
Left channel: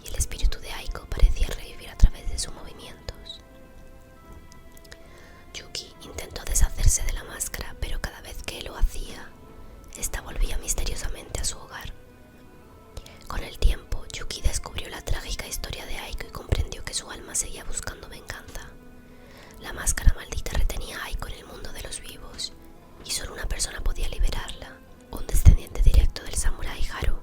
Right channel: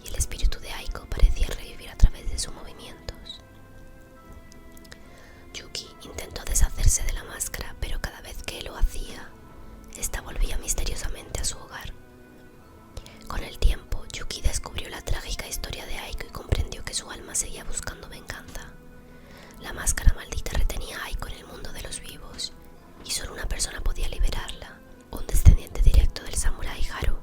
y el espíritu de Aiko parecía revivir a través de sus movimientos. Yuki intentó deshacerse de la máscara, pero cada vez que lo hacía, esta volvía misteriosamente a su hogar. Con el tiempo, Yuki descubrió la trágica historia de Aiko y comprendió que su alma seguía buscando venganza. La máscara maldita retenía a Aiko en el mundo de los vivos, y solo una persona podía liberarla, un descendiente directo del samurái Haru,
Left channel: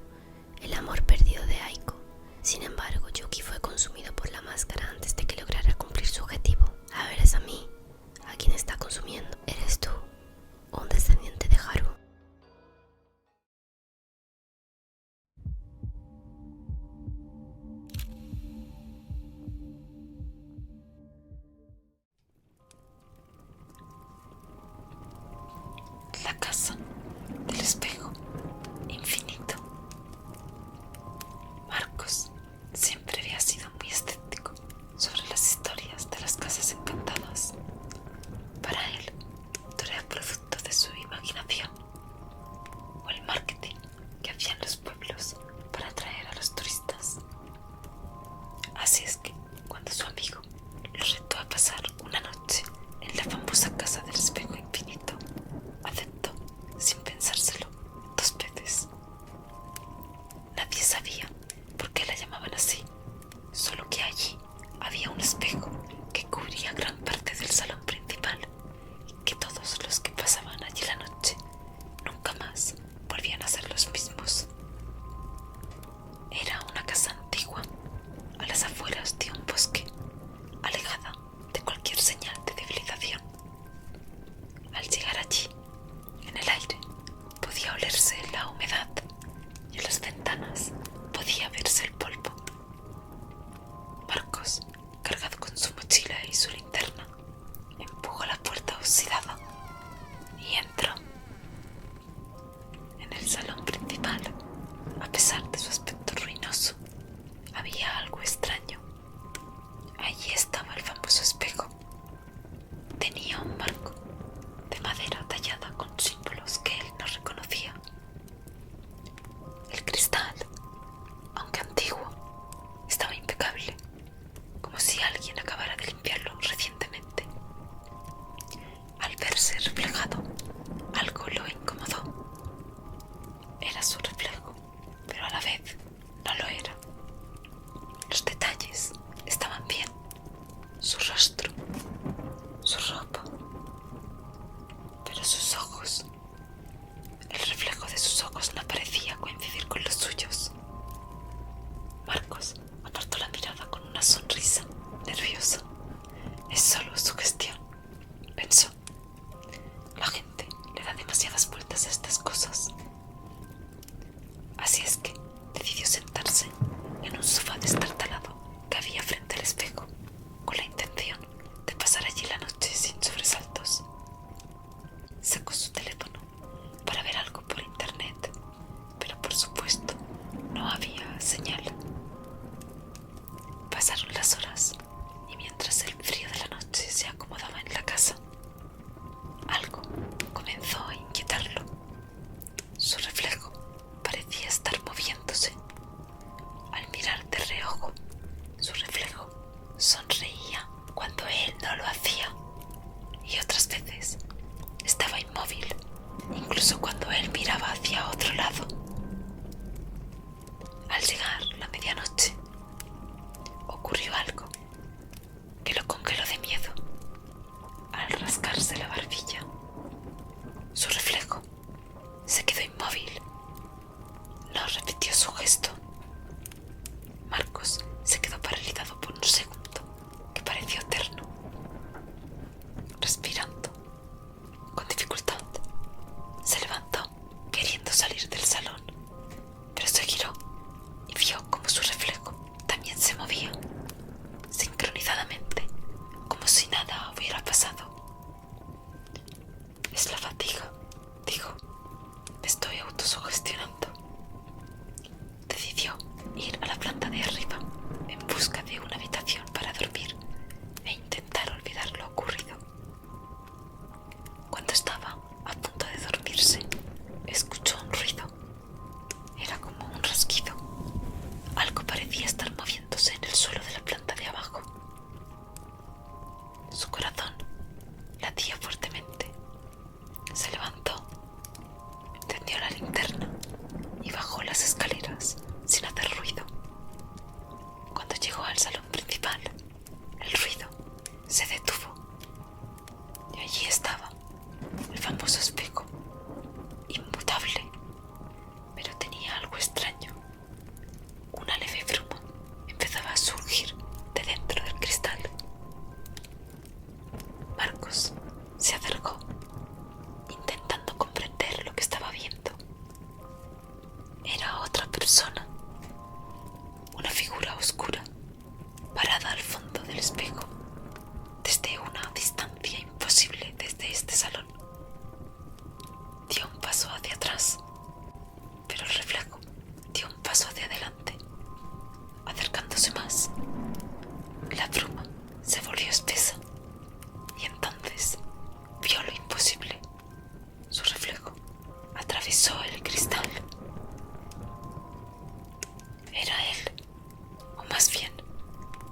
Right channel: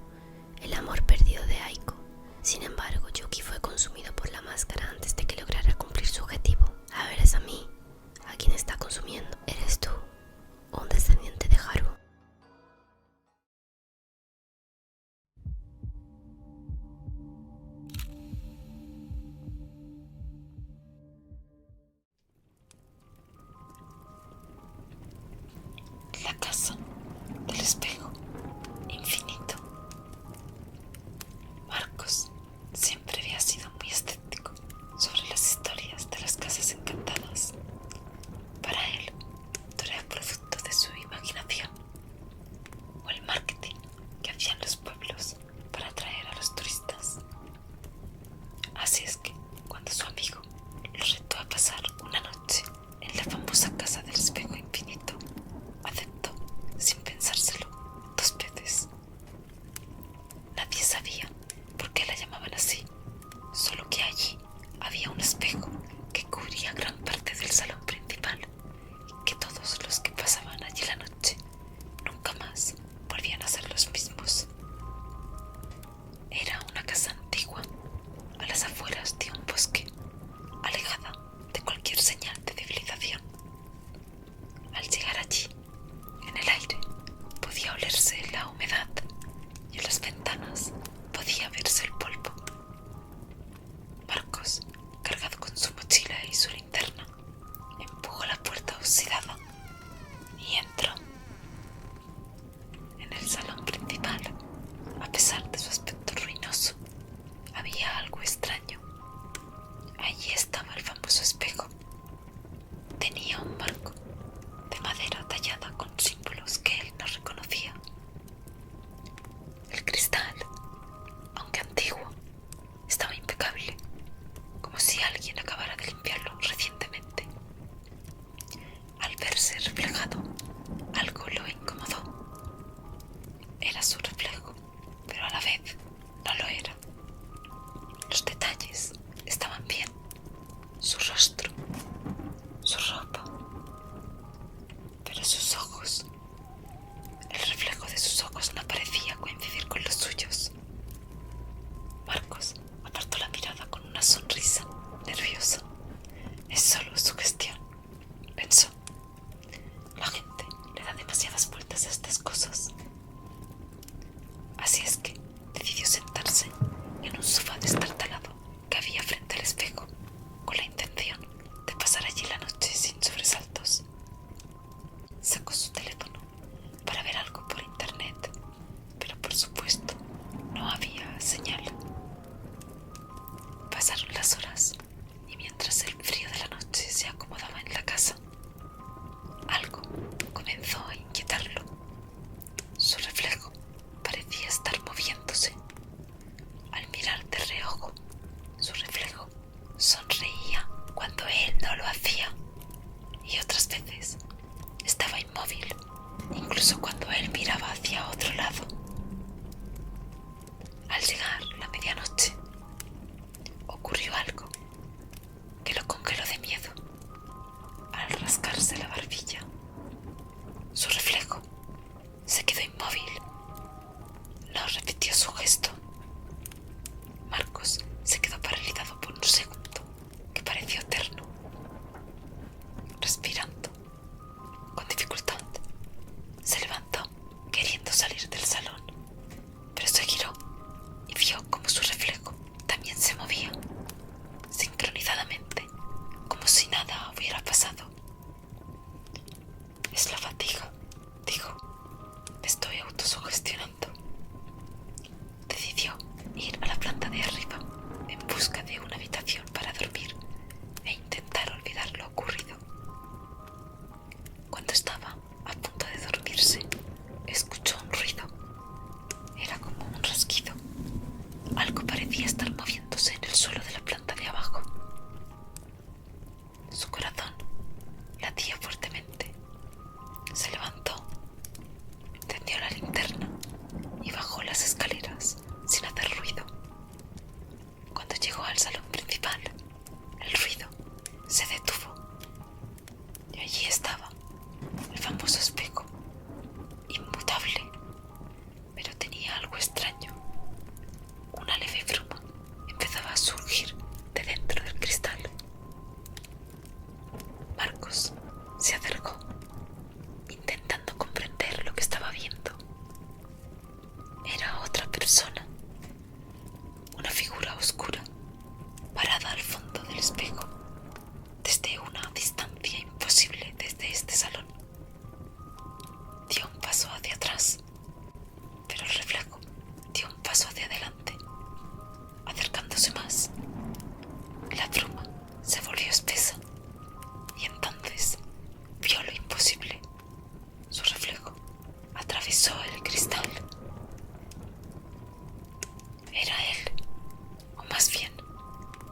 el amor perdido de Aiko. Sin embargo, Yuki fue consumido por la máscara antes de que lograra cumplir su objetivo. Ahora es a mí a quien está consumiendo. ¿Eres tú, un descendiente de Haru? La casa del espejo infinito. Marcos siempre había sido muy escéptico sobre las historias de las casas encantadas. Para él, todo era producto de su imaginación o el marketing que hacían los pueblos para atraer a los turistas. Así es que, cuando su amigo lo retó a pasar una noche en la famosa casa del espejo infinito, aceptó sin pensárselo 2 veces. Nadie sabía por qué la llamaban así, solo que allí había un espejo que cubría gran parte del salón principal y que todos los que pasaban allí la noche nunca más volvían a ser los mismos. Era una casa antigua, a las afueras de un bosque, alejada de cualquier señal de civilización. Al llegar allí, en el aire podía olerse la humedad y en las ventanas podía verse el polvo. Marcos, cargado con su mochila y su linterna, empujó la puerta oxidada y entró. En el salón principal, a pesar de su aspecto ruinoso, había algo extraño. encendió la linterna y bajó las escaleras sin hacer ruido. Cuando llegó al salón principal, el ruido se detuvo y allí estaba el famoso espejo, inmutable, pero tenía algo extraño. Una leve bruma empezaba a surgir de dentro del cristal. Marcos se acercó, intentando comprender lo que estaba viendo. Era otra persona, una figura oscura, parada al fondo del espejo, desde una distancia imposible desde este salón. Dio un paso hacia atrás, pero el reflejo dio un paso hacia adelante. Acercándose más, la bruma se volvió espesa y entonces vio lo imposible. Su reflejo atravesó el cristal. Era él, o más bien,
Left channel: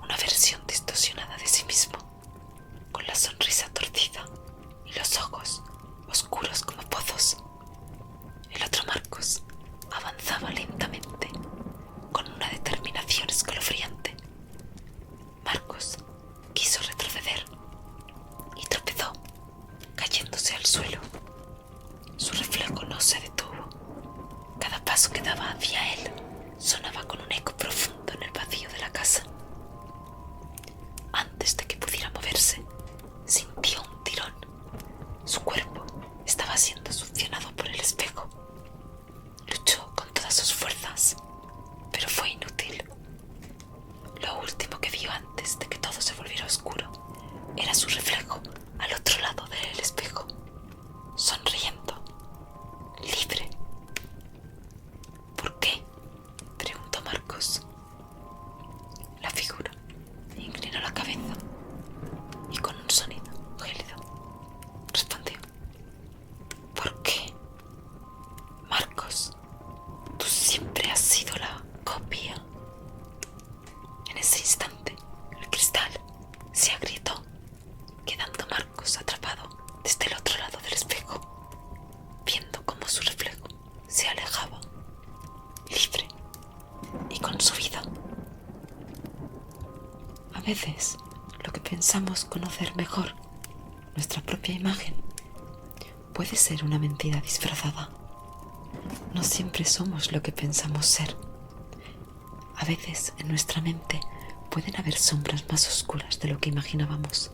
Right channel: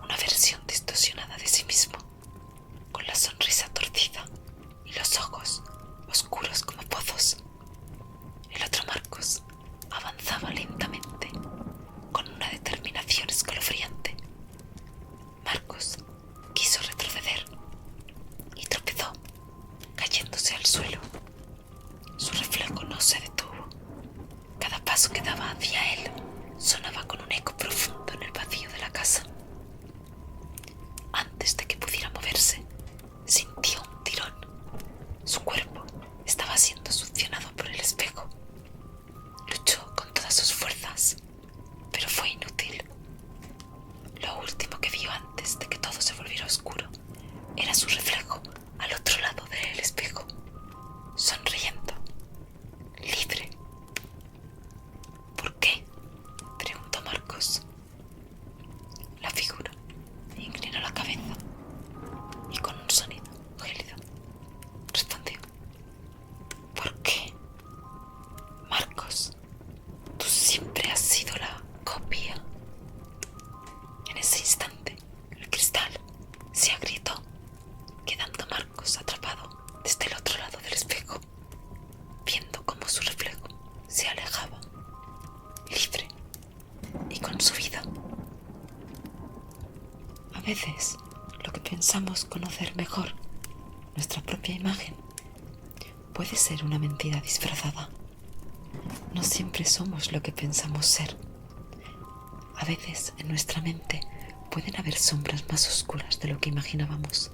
una versión distorsionada de sí mismo, con la sonrisa torcida y los ojos oscuros como pozos. El otro Marcos avanzaba lentamente, con una determinación escalofriante. Marcos quiso retroceder y tropezó, cayéndose al suelo. Su reflejo no se detuvo. Cada paso que daba hacia él sonaba con un eco profundo en el vacío de la casa. Antes de que pudiera moverse, sintió un tirón. Su cuerpo estaba siendo succionado por el espejo. Luchó con todas sus fuerzas, pero fue inútil. Lo último que vio antes de que todo se volviera oscuro era su reflejo al otro lado del espejo, sonriendo, libre. ¿Por qué?, preguntó Marcos. La figura inclinó la cabeza y con un sonido gélido respondió: ¿por qué? Marcos, tú siempre has sido la copia. En ese instante, el cristal se agrietó, quedando Marcos atrapado desde el otro lado del espejo, viendo cómo su reflejo se alejaba, libre y con su vida. A veces, lo que pensamos conocer mejor, nuestra propia imagen, puede ser una mentira disfrazada. No siempre somos lo que pensamos ser. A veces en nuestra mente pueden haber sombras más oscuras de lo que imaginábamos.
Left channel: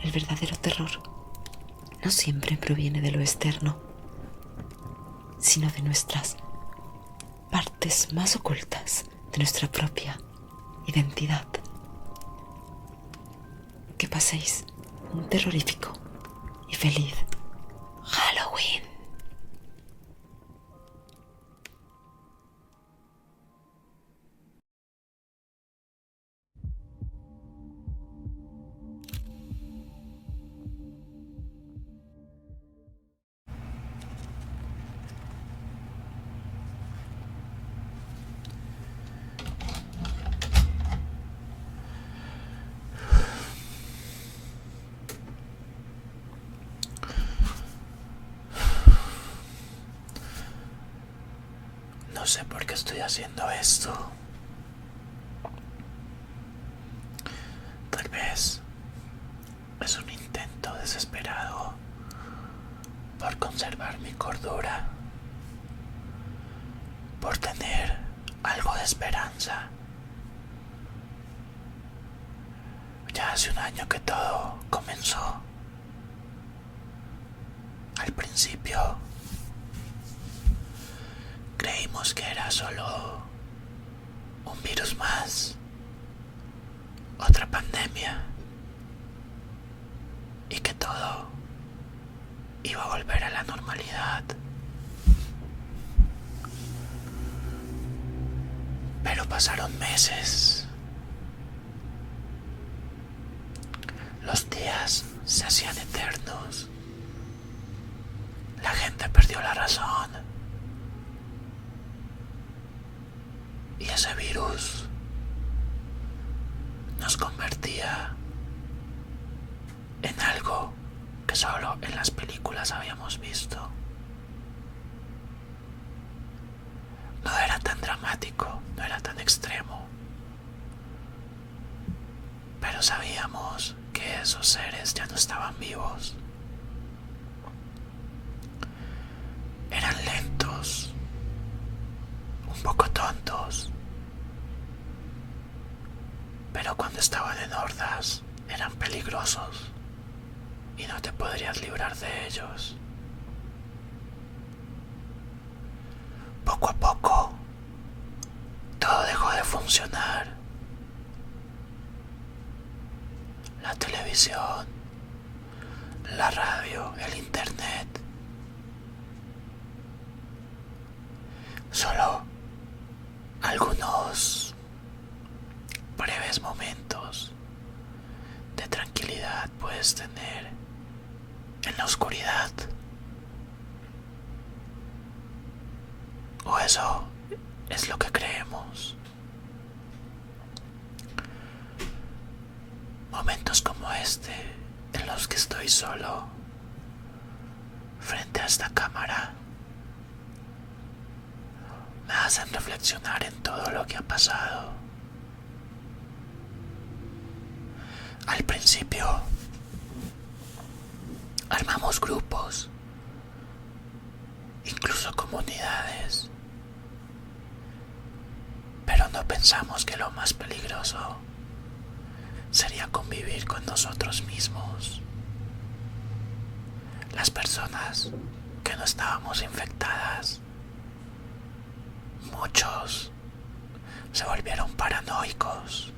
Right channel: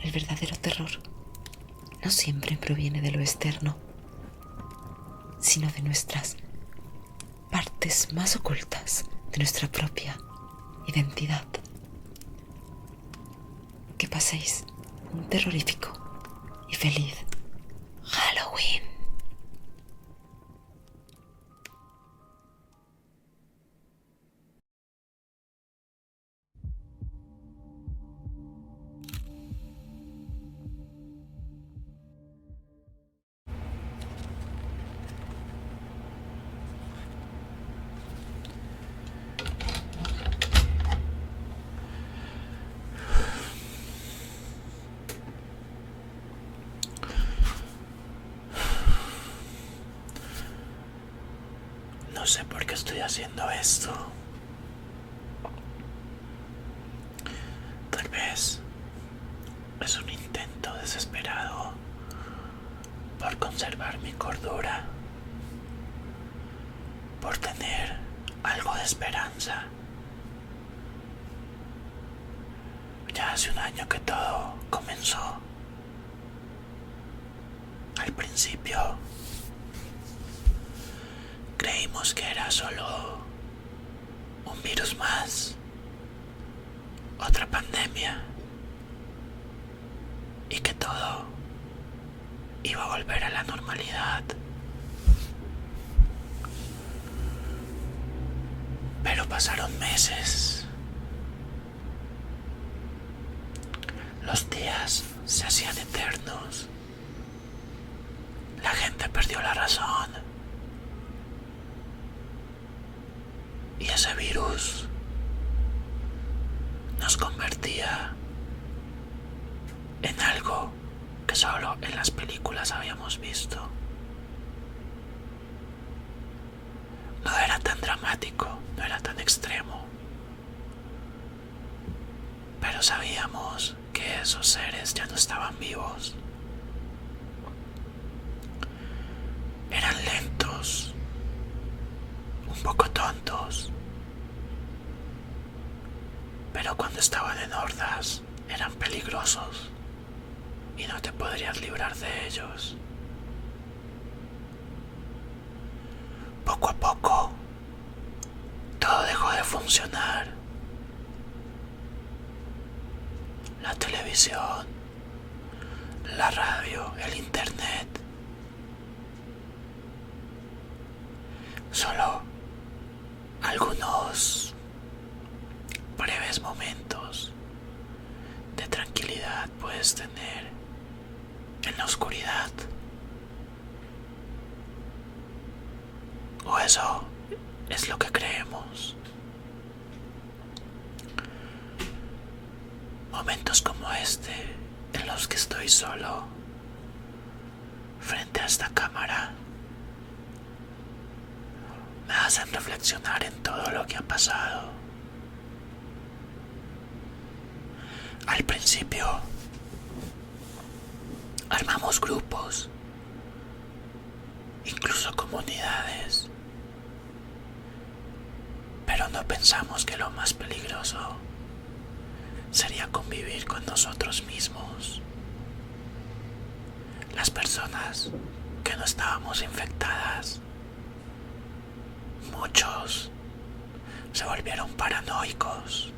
El verdadero terror no siempre proviene de lo externo, sino de nuestras partes más ocultas de nuestra propia identidad. Que paséis un terrorífico y feliz Halloween. No sé por qué estoy haciendo esto. Tal vez es un intento desesperado por conservar mi cordura, por tener algo de esperanza. Ya hace un año que todo comenzó. Al principio creímos que era solo un virus más, otra pandemia, y que todo iba a volver a la normalidad. Pero pasaron meses. Los días se hacían eternos. La gente perdió la razón. Y ese virus nos convertía en algo que solo en las películas habíamos visto. ellos ya no estaban vivos. Eran lentos, un poco tontos, pero cuando estaban en hordas eran peligrosos y no te podrías librar de ellos. Poco a poco, todo dejó de funcionar. La televisión, la radio, el internet. Solo algunos breves momentos de tranquilidad puedes tener en la oscuridad. O eso es lo que creemos. Momentos como este, en los que estoy solo, frente a esta cámara, me hacen reflexionar en todo lo que ha pasado. Al principio, armamos grupos, incluso comunidades, pero no pensamos que lo más peligroso sería convivir con nosotros mismos. Las personas que no estábamos infectadas, muchos se volvieron paranoicos.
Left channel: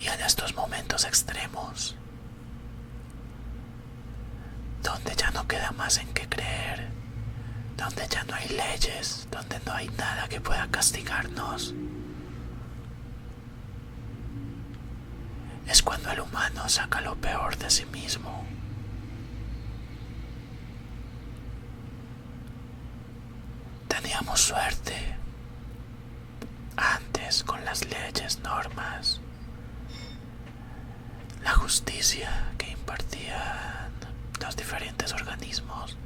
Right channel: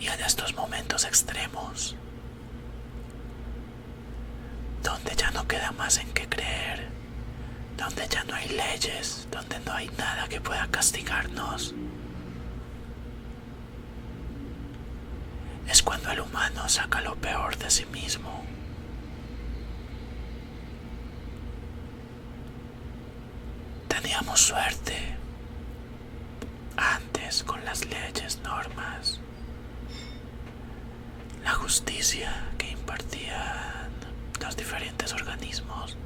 Y en estos momentos extremos, donde ya no queda más en qué creer, donde ya no hay leyes, donde no hay nada que pueda castigarnos, es cuando el humano saca lo peor de sí mismo. Teníamos suerte antes con las leyes, normas, la justicia que impartían los diferentes organismos.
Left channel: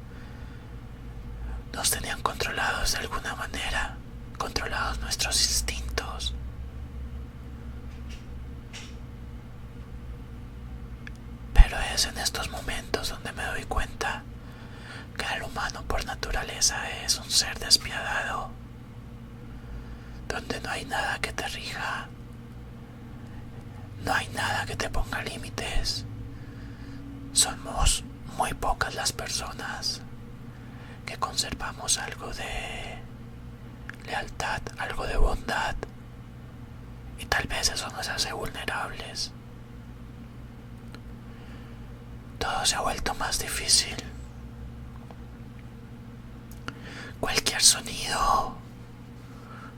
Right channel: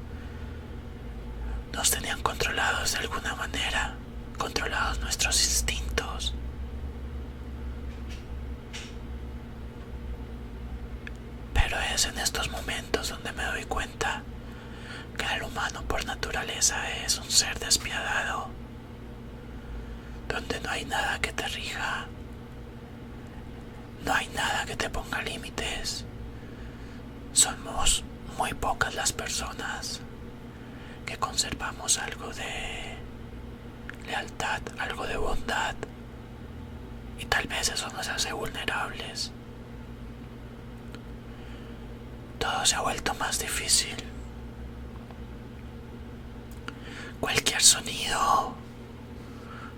Nos tenían controlados de alguna manera, controlados nuestros instintos. Pero es en estos momentos donde me doy cuenta que el humano por naturaleza es un ser despiadado, donde no hay nada que te rija, no hay nada que te ponga límites. Somos muy pocas las personas que conservamos algo de lealtad, algo de bondad, y tal vez eso nos hace vulnerables. Todo se ha vuelto más difícil. Cualquier sonido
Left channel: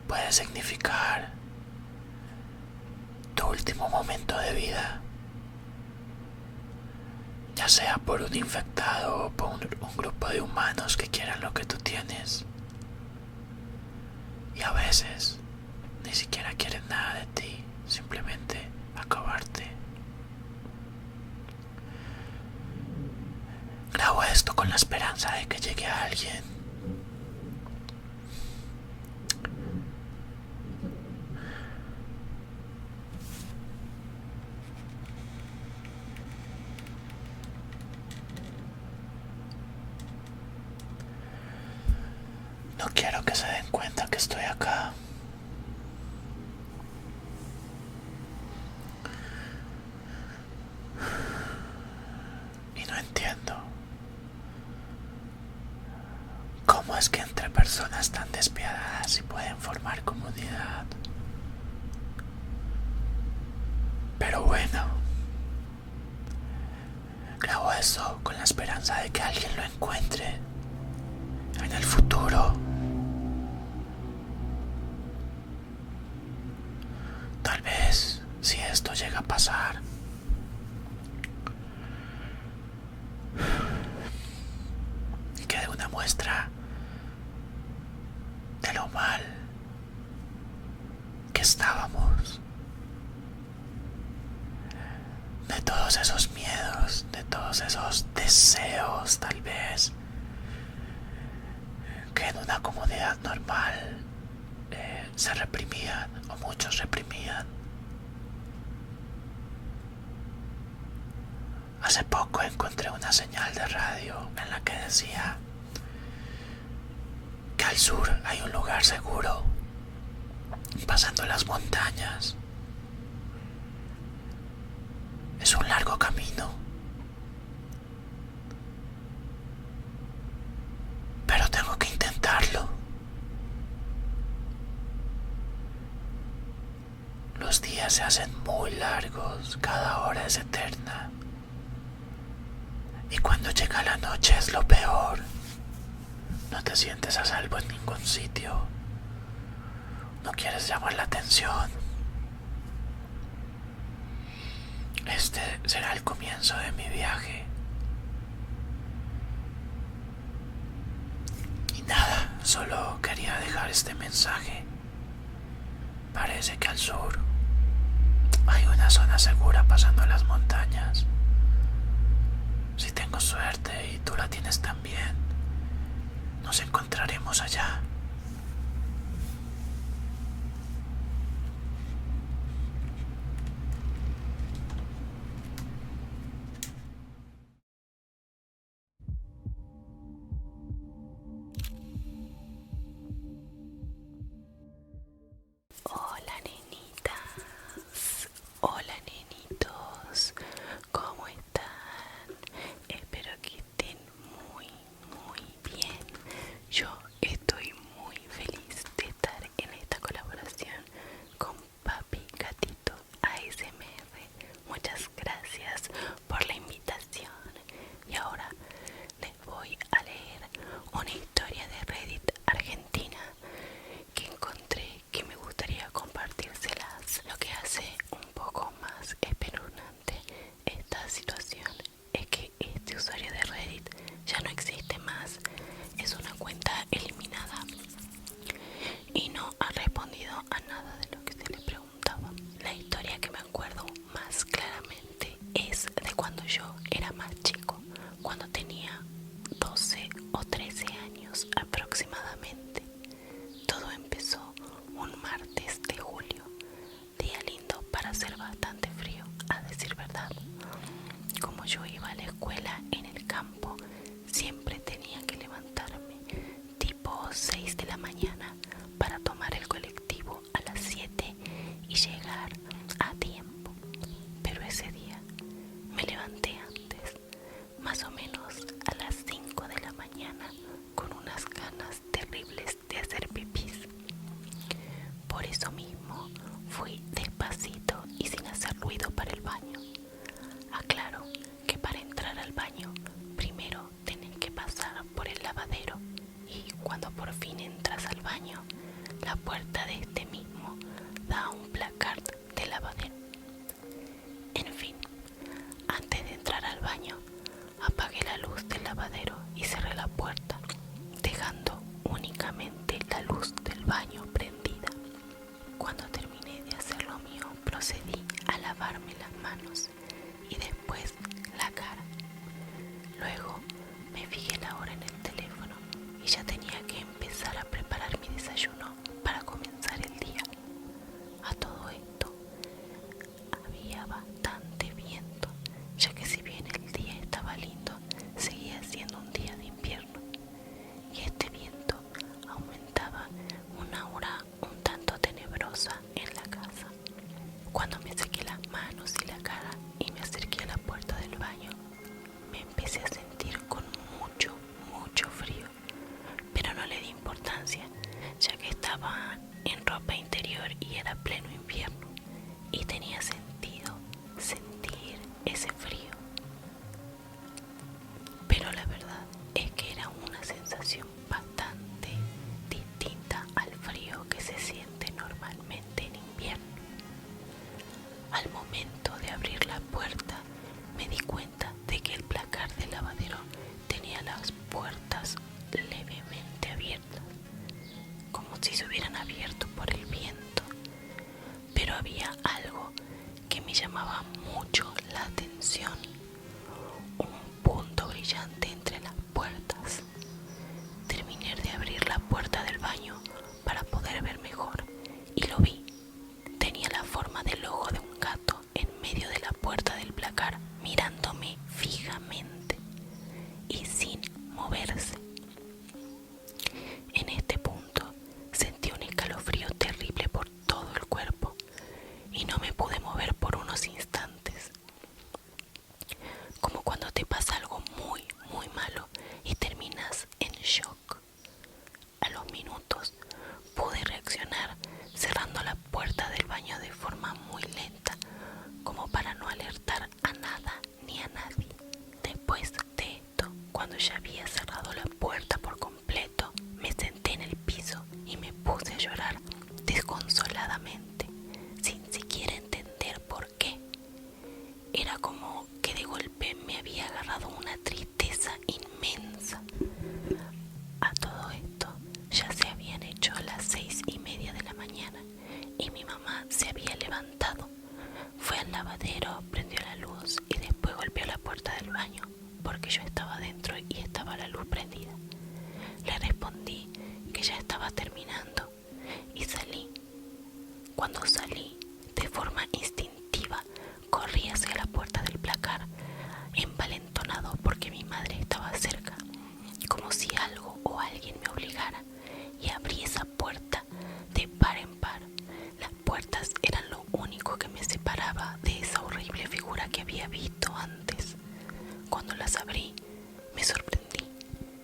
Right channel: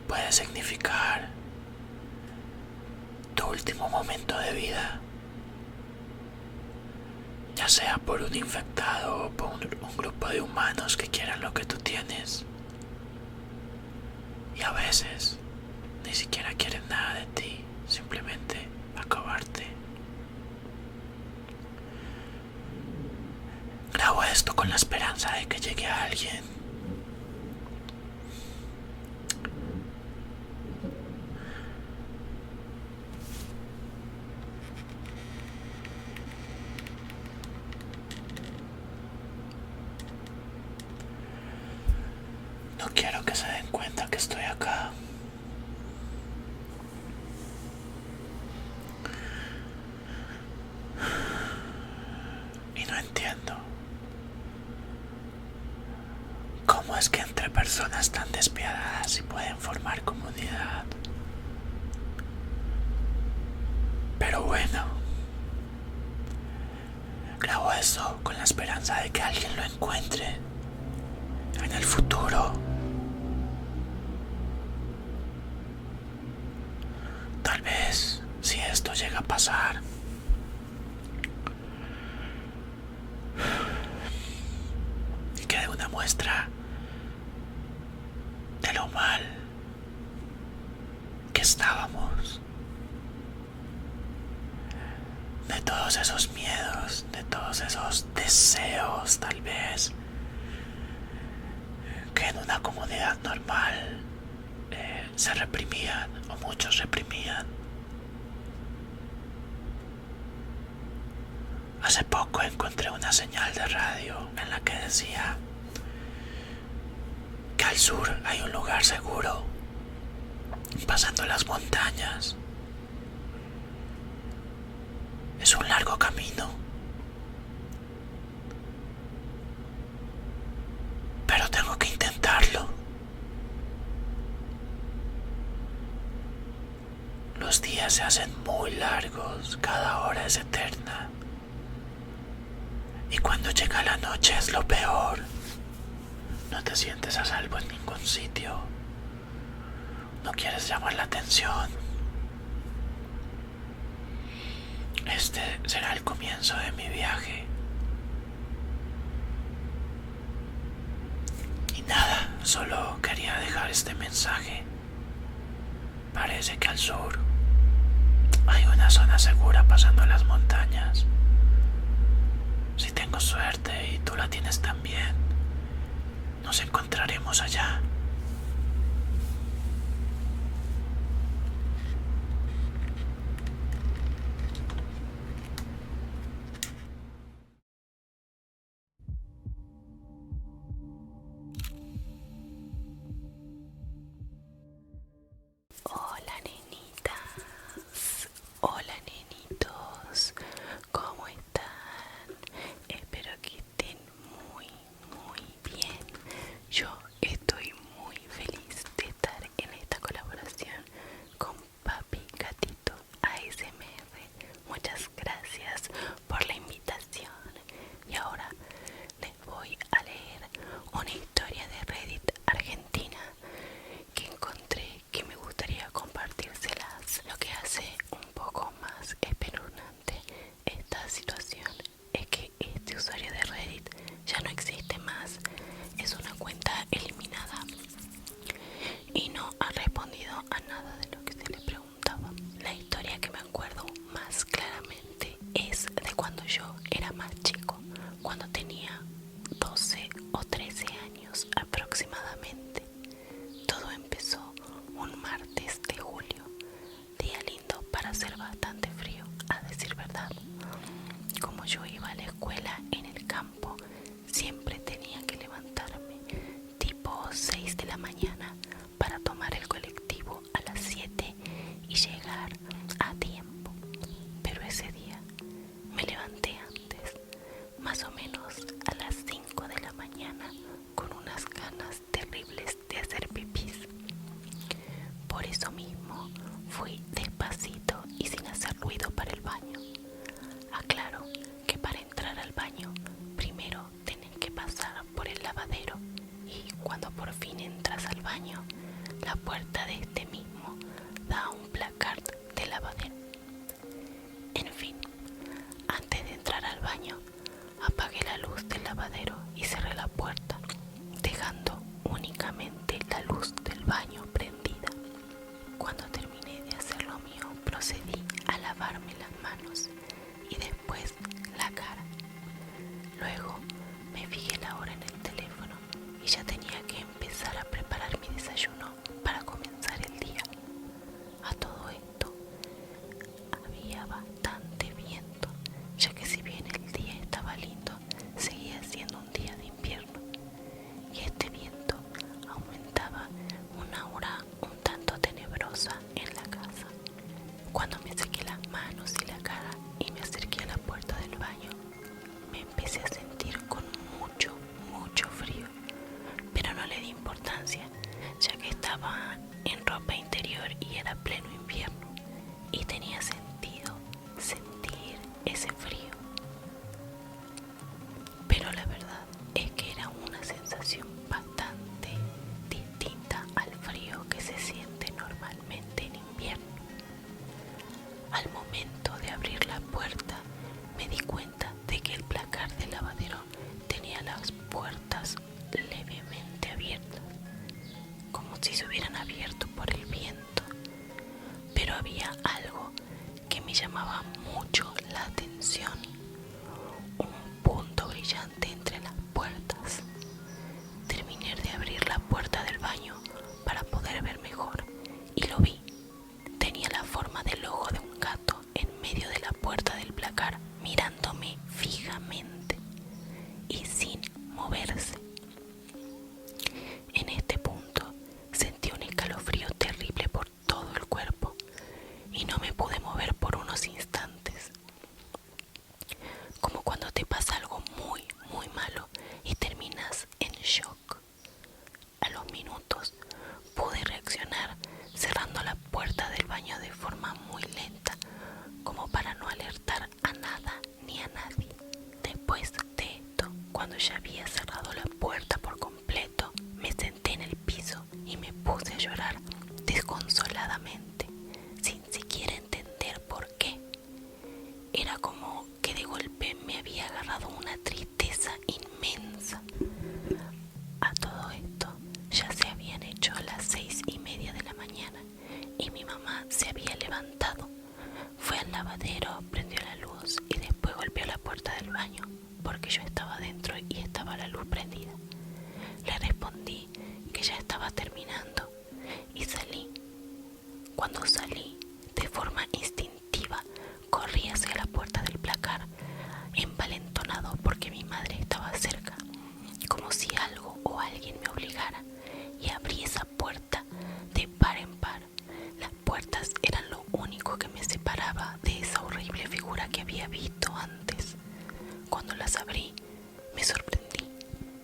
puede significar tu último momento de vida, ya sea por un infectado o por un grupo de humanos que quieran lo que tú tienes. Y a veces ni siquiera quieren nada de ti, simplemente acabarte. Grabo esto con la esperanza de que llegue a alguien. No quiero que se den cuenta que estoy acá. Y no entiendo cómo es que entre personas tan despiadadas se pueden formar comunidad. Pero bueno, grabo eso con la esperanza de que alguien lo encuentre en el futuro. Tal vez, si esto llega a pasar, quede una muestra de lo mal que estábamos, de todos esos miedos, de todos esos deseos, tal vez, que en una comunidad normal se reprimían, o muchos reprimían. Hace poco encontré una señal de radio en la que decía que al sur hay un lugar seguro, pasando las montañas. Es un largo camino, pero tengo que intentarlo. Los días se hacen muy largos, cada hora es eterna. Y cuando llega la noche es lo peor. No te sientes a salvo en ningún sitio. No quieres llamar la atención. Este será el comienzo de mi viaje. Y nada, solo quería dejar este mensaje. Parece que al sur hay una zona segura pasando las montañas. Si tengo suerte y tú la tienes también, nos encontraremos allá. Hola nenitas, hola nenitos, ¿cómo están? Espero que estén muy bien. Yo estoy muy feliz de estar en esta colaboración con Papi Gatito ASMR. Muchas gracias por la invitación. Y ahora les voy a leer una historia de Reddit Argentina que encontré que me gustaría compartírselas. Lo que hace un poco más espeluznante esta situación es que este usuario de Reddit ya no existe más. Es una cuenta eliminada y no ha respondido a nada de lo que se le preguntaba. La historia que me acuerdo más claramente es de cuando yo era más chico, cuando tenía 12 o 13 años aproximadamente. Todo empezó un martes de julio, día lindo para hacer bastante frío, a decir verdad. Como yo iba a la escuela en el campo, siempre tenía que levantarme tipo 6 de la mañana para tomar el colectivo a las 7 y llegar a tiempo. Pero ese día me levanté antes, más o menos a las 5 de la mañana, con unas ganas terribles de hacer pipís. Por eso mismo fui despacito y sin hacer ruido para el baño. Aclaro que para entrar al baño primero tenés que pasar por el lavadero, y cuando por fin entras al baño, la puerta de este mismo da a un placard de lavadero. En fin, antes de entrar al baño, apagué la luz del lavadero y cerré la puerta, dejando únicamente la luz del baño prendida. Cuando terminé de hacer lo mío, procedí a lavarme las manos y después la cara. Luego me fijé la hora en el teléfono y ya tenía que empezar a preparar mi desayuno para comenzar el día. A todo esto había bastante viento, ya que si bien el día estaba lindo, seguía siendo un día de invierno, y este viento aumentaba una aura un tanto tenebrosa en la casa. Cuando me sequé las manos y la cara y me acerqué a la puerta del baño, me empecé a sentir con mucho frío, pero no le di importancia, ya que estaba en ropa interior y era pleno invierno, y tenía sentido sentir ese frío. Pero la verdad es que era una sensación bastante distinta al frío que se siente normalmente en invierno. Al momento de abrir la puerta, me di cuenta de que el placard del lavadero tenía las puertas levemente abiertas, como si se hubieran abierto por el viento. Pero había algo que me llamaba mucho la atención: un punto brillante entre las puertas. Terminé de abrir la puerta del baño para poder ver mejor, y lo vi. Tenía la forma del ojo de un gato en medio de la puerta del placar, mirándome había cerrado la puerta por completo, me senté en el piso y me puse a llorar desconsoladamente, sin siquiera entender por qué. Era como que de golpe me había agarrado una tristeza inmensa. A todo esto ya se habían hecho las 6:30 de la mañana y mi mamá se había levantado. Fue al lavadero, prendió la luz y después golpeó la puerta del baño porque yo estaba dentro y estaba la luz prendida. Le respondí que ya estaba terminando y salí. Cuando salí, de forma instintiva, corrí hacia la puerta del placar, envalentonado porque mi madre estaba cerca, como si algo o alguien me obligara, y abrí esa puerta de par en par. Las puertas eran lo único que me separaba de esa horrible figura que había visto antes. Cuando las abrí, me sorprendí.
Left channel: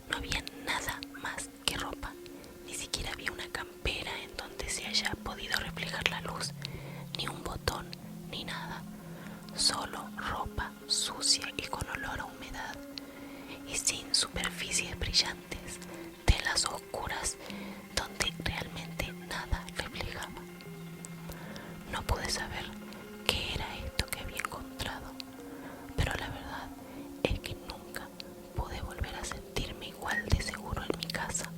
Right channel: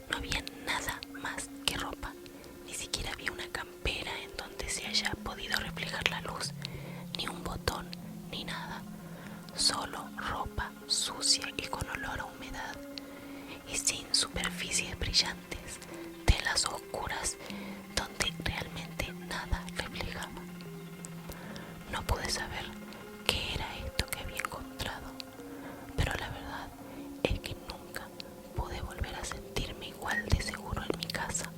No había nada más que ropa. Ni siquiera había una campera en donde se haya podido reflejar la luz, ni un botón, ni nada. Solo ropa sucia y con olor a humedad, y sin superficies brillantes, telas oscuras donde realmente nada reflejaba. No pude saber qué era esto que había encontrado, pero la verdad es que nunca pude volver a sentirme igual de seguro en mi casa.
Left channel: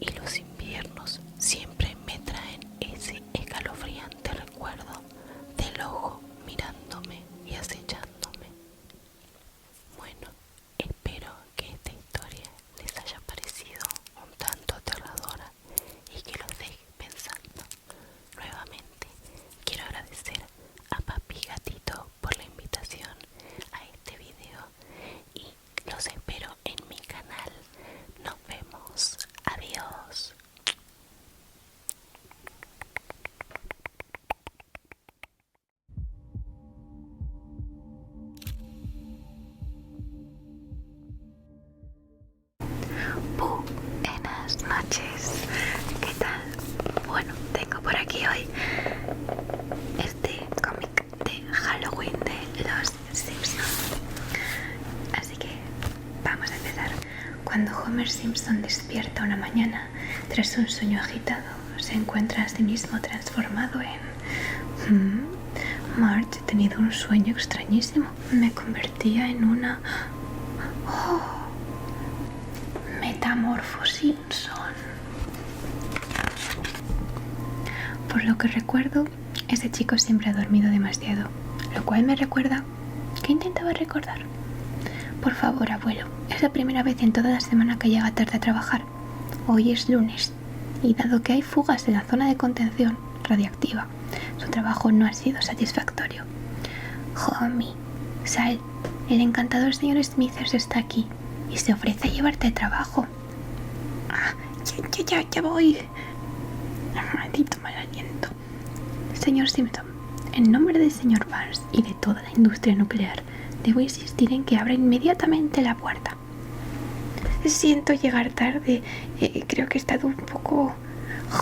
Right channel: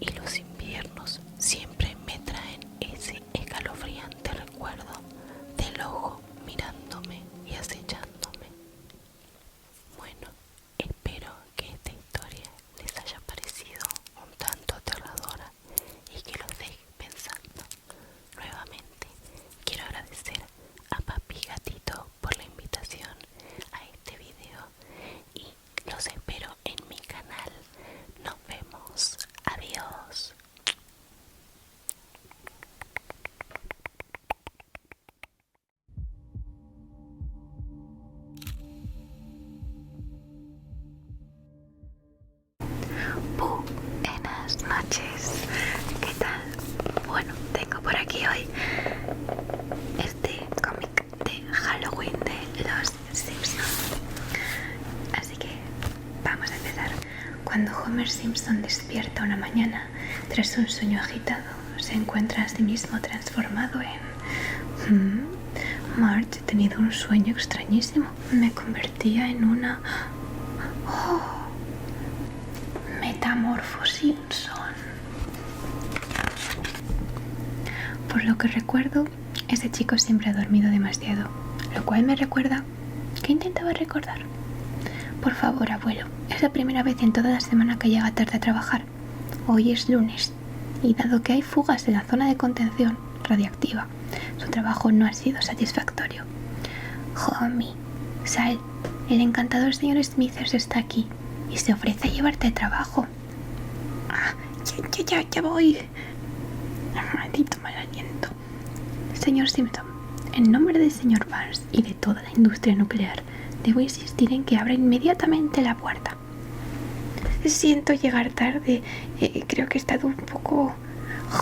Y los inviernos siempre me traen ese escalofriante recuerdo del ojo mirándome y acechándome. Bueno, espero que esta historia les haya parecido un tanto aterradora y que los deje pensando. Nuevamente quiero agradecer a Papi Gatito por la invitación a este video y los espero en mi canal. Nos vemos. Adiós. Buenas noches, ¿qué tal? Bueno, tengo por aquí hoy este cómic de Halloween de los Simpsons. Así que vamos a empezar. Cuando Homer Simpson despierta una mañana tras un sueño agitado, se encuentra a sí mismo transformado en... Marge, he tenido un sueño extrañísimo. Me convertía en una... Metamorfo Simpson. Por lo que recuerdo, ese chico siempre ha dormido demasiado, lo cual me recuerda que intentaba recordar. Por favor, abuelo, es la primera vez en toda la semana que llega tarde a trabajar. Hoy es lunes, y dado que hay fugas en la zona de contención radiactiva, su trabajo no ha sido satisfactorio. Homie, sal, el encantador señor Smithers está aquí y se ofrece a llevarte al trabajo. Ya voy. Maldito mal aliento. Señor Simpson, en nombre del señor Barnes y de toda la industria nuclear, debo insistir en que abra inmediatamente la puerta. Siento llegar tarde. Creo que he estado un poco...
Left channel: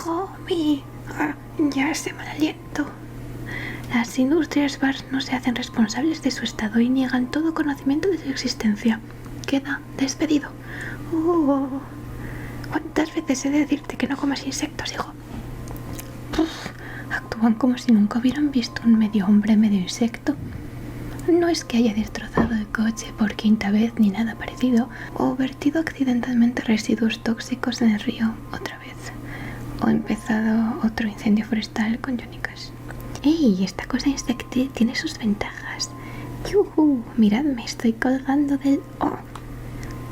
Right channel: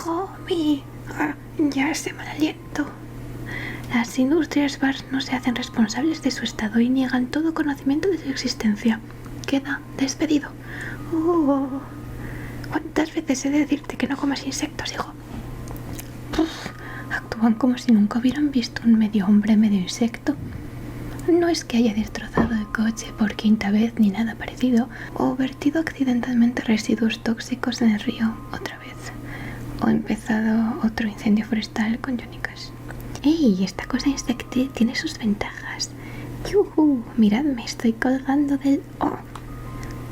Homie, ya ese mal aliento. Las industrias Barnes no se hacen responsables de su estado y niegan todo conocimiento de su existencia. Queda despedido. ¿Cuántas veces he de decirte que no comas insectos, hijo? Actúan como si nunca hubieran visto un medio hombre, medio insecto. No es que haya destrozado el coche por quinta vez ni nada parecido, o vertido accidentalmente residuos tóxicos en el río otra vez, o empezado otro incendio forestal con Johnny Cash. ¡Ey! Esta cosa insectil tiene sus ventajas. ¡Yuhu! Miradme, estoy colgando del... ¡Oh!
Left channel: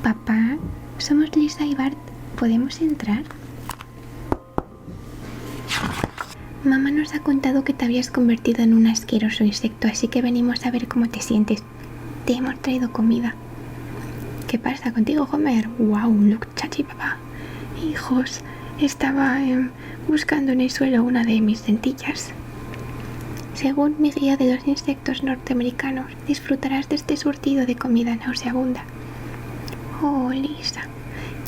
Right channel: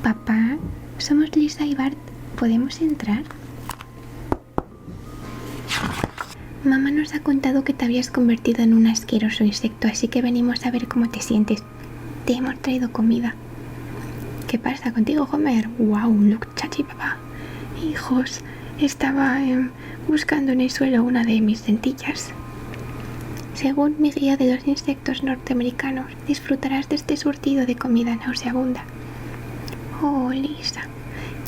Papá, somos Lisa y Bart. ¿Podemos entrar? Mamá nos ha contado que te habías convertido en un asqueroso insecto, así que venimos a ver cómo te sientes. Te hemos traído comida. ¿Qué pasa contigo, Homer? ¡Wow! Look, chachi, papá. Hijos, estaba buscando en el suelo una de mis lentillas. Según mi guía de los insectos norteamericanos, disfrutarás de este surtido de comida nauseabunda. Oh, Lisa,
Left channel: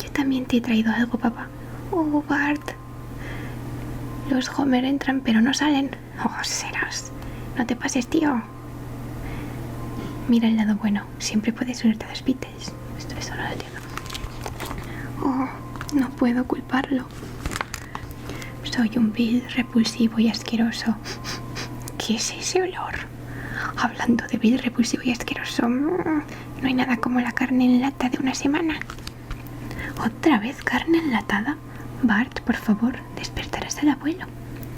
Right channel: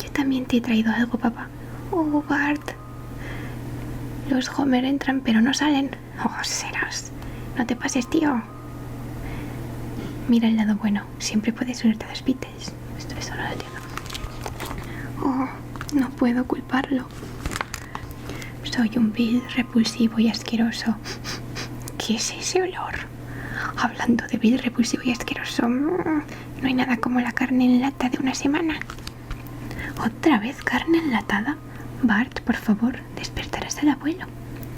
yo también te he traído algo, papá. Oh, Bart. Los Homer entran pero no salen. Oh, serás. No te pases, tío. Mira el lado bueno. Siempre puedes unirte a los Beatles. Eso no lo entiendo. No puedo culparlo. Soy un vil, repulsivo y asqueroso. ¿Qué es ese olor? Hablando de vil, repulsivo y asqueroso, no hay nada como la carne en lata de una semana. ¿Otra vez carne enlatada? Bart, por favor, despertarás al abuelo.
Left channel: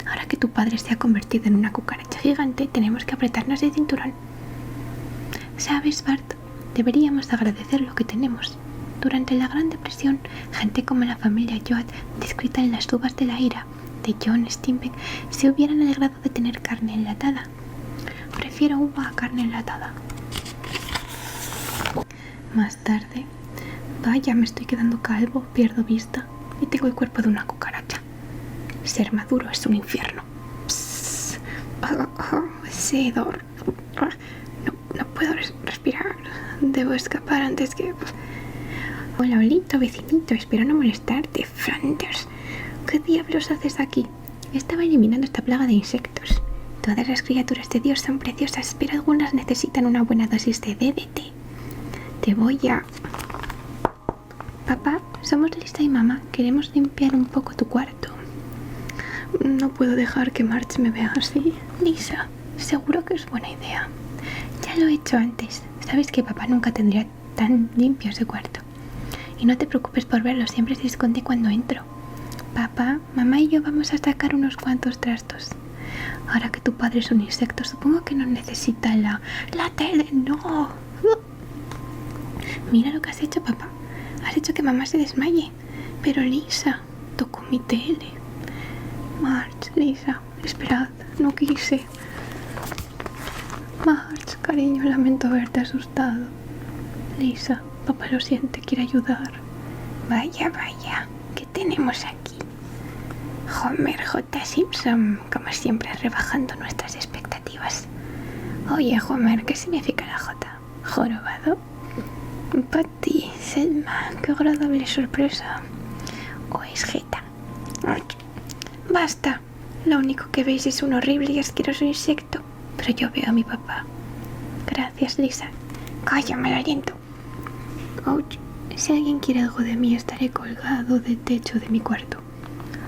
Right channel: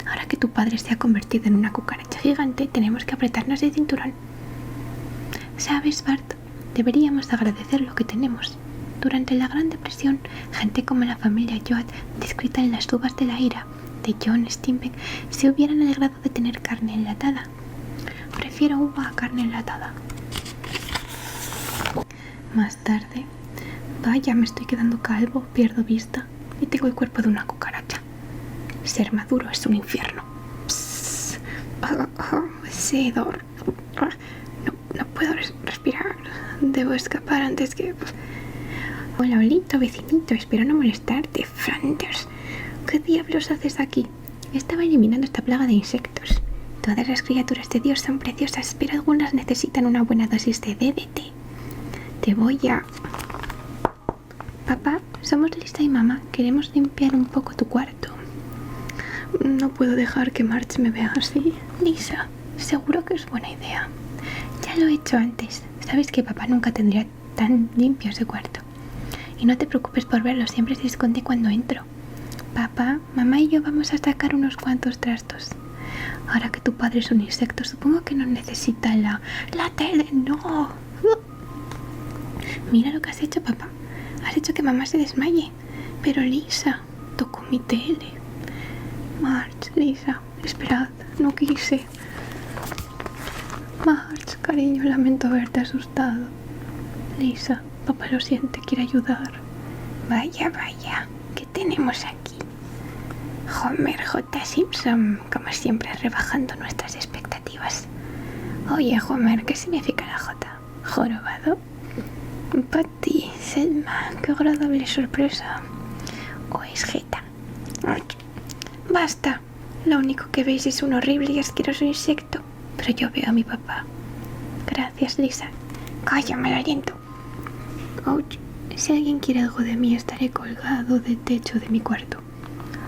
Ahora que tu padre se ha convertido en una cucaracha gigante, tenemos que apretarnos el cinturón. ¿Sabes, Bart? Deberíamos agradecer lo que tenemos. Durante la Gran Depresión, gente como la familia Joad, descrita en las uvas de la ira de John Steinbeck, se hubieran alegrado de tener carne enlatada. Prefiero uva a carne enlatada. Más tarde, vaya, me estoy quedando calvo, pierdo vista y tengo el cuerpo de una cucaracha. Ser maduro es un infierno. Psst. Ese hedor. No puedo respirar. Debo escapar antes que... Hola, Olito, vecinito, espero no molestarte. Flanders, ¿qué diablos haces aquí? Estaba eliminando esta plaga de insectos. Todas las criaturas de Dios son preciosas, pero algunas necesitan una buena dosis de DDT. Te voy a... Papá, somos Lisa y mamá. Queremos limpiar un poco tu cuarto. No puedo dejar que Marge me vea así. Lisa, seguro que es buena idea. Ya lo he hecho antes. Sabes que papá nunca tendría tan limpio ese cuarto. Y no te preocupes por verlo, siempre se esconde cuando entro. Papá, mamá y yo vamos a sacar unos cuantos trastos. Ahora que tu padre es un insecto, supongo que no necesita la tele. ¡No! Mira lo que has hecho, papá. Has hecho que mamá se desmaye. Pero Lisa, tocó mi tele. Marge, Lisa, esperad, no quise. Marge, cariño, lamento haberte asustado. Lisa, papá lo siente, quiere ayudar. Vaya, ¿qué tenemos aquí? Homer J. Simpson, como siempre rebajando nuestras expectativas. Oye, Homer, ¿qué significa la J? ¿Jorobado? Patty, Selma, qué agradable sorpresa. ¿O es Jeta? Basta, lo único que veis es un horrible y asqueroso insecto. Pero yo veo a mi papá. Gracias, Lisa. Cállame el aliento. Ouch. Si alguien quiere algo de mí, estaré colgado del techo de mi cuarto.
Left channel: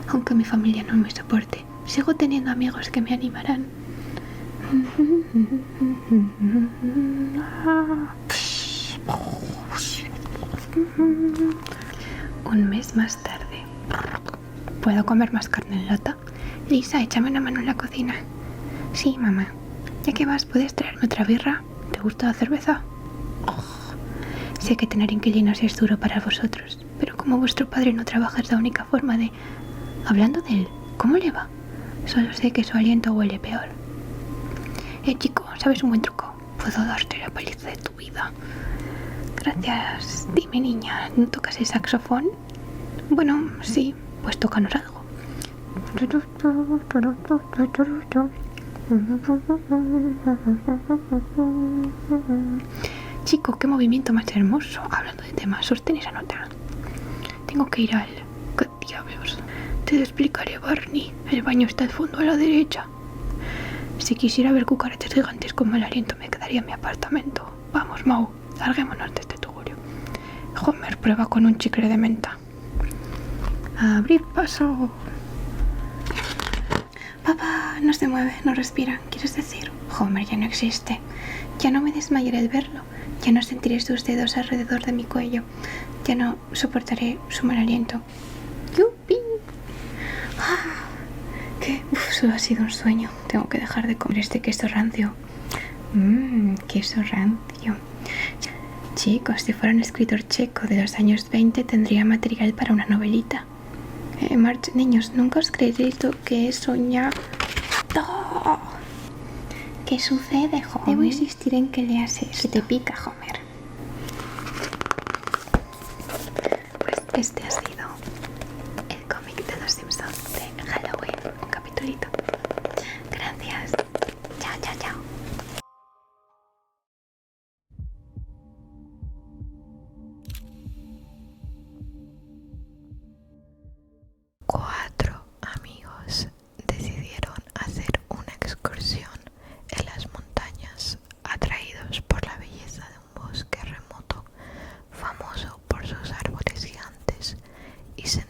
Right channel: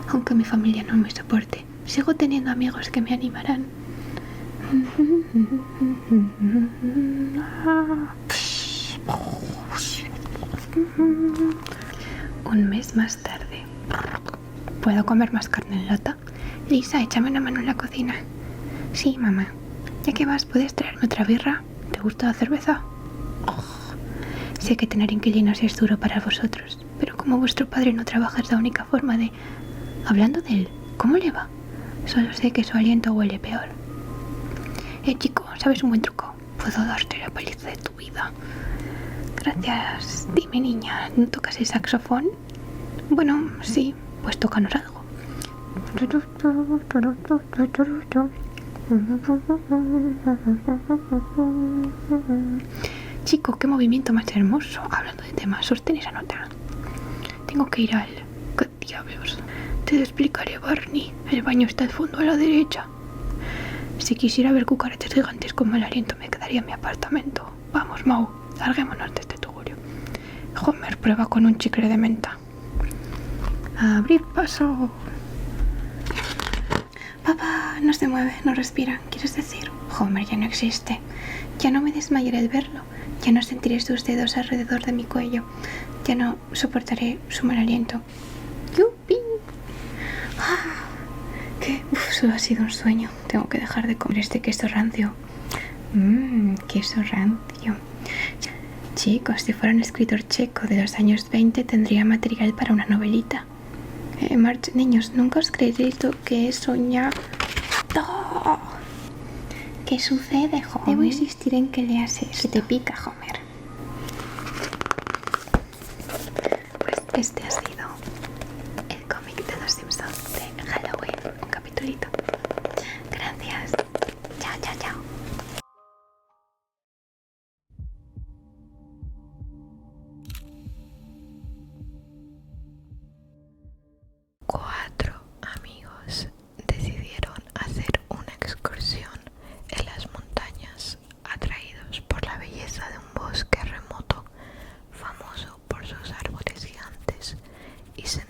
Aunque mi familia no me soporte, sigo teniendo amigos que me animarán. Un mes más tarde. ¿Puedo comer más carne en lata? Lisa, échame una mano en la cocina. Sí, mamá. Ya que vas, ¿puedes traerme otra birra? ¿Te gusta la cerveza? Sé que tener inquilinos es duro para vosotros, pero como vuestro padre no trabaja es la única forma de... Hablando de él, ¿cómo le va? Solo sé que su aliento huele peor. Chico, ¿sabes un buen truco? Puedo darte la paliza de tu vida. Gracias. Dime, niña, ¿no tocas el saxofón? Bueno, sí, pues tócanos algo. Chico, qué movimiento más hermoso. Hablando de temas, sostén esa nota. Tengo que ir al... ¿Qué diablos? Te explicaré, Barney. El baño está al fondo a la derecha. Si quisiera ver cucarachas gigantes con mal aliento, me quedaría en mi apartamento. Vamos, Mau, larguémonos de este tugurio. Homer, prueba con un chicle de menta. Abrir paso. Papá, no se mueve, no respira. ¿Quieres decir? Homer ya no existe. Ya no me desmayaré al verlo. Ya no sentiré sus dedos alrededor de mi cuello. Ya no soportaré su mal aliento. ¡Yupi! ¿Qué? Solo ha sido un sueño. Tengo que dejar de comer este queso rancio. Queso rancio. Chicos, si fuera un escritor checo de los años 20 tendría material para una novelita. Marge, niños, nunca os creeréis lo que he soñado. ¿Qué sucede, Homer? Debo insistir en que leas esto. Que te pica, Homer. Pues este ha sido el cómic de los Simpsons de Halloween. Un capitulito. Gracias. Chao, chao, chao. Cuatro amigos decidieron hacer una excursión en las montañas, atraídos por la belleza de un bosque remoto, famoso por sus árboles gigantes, y sentir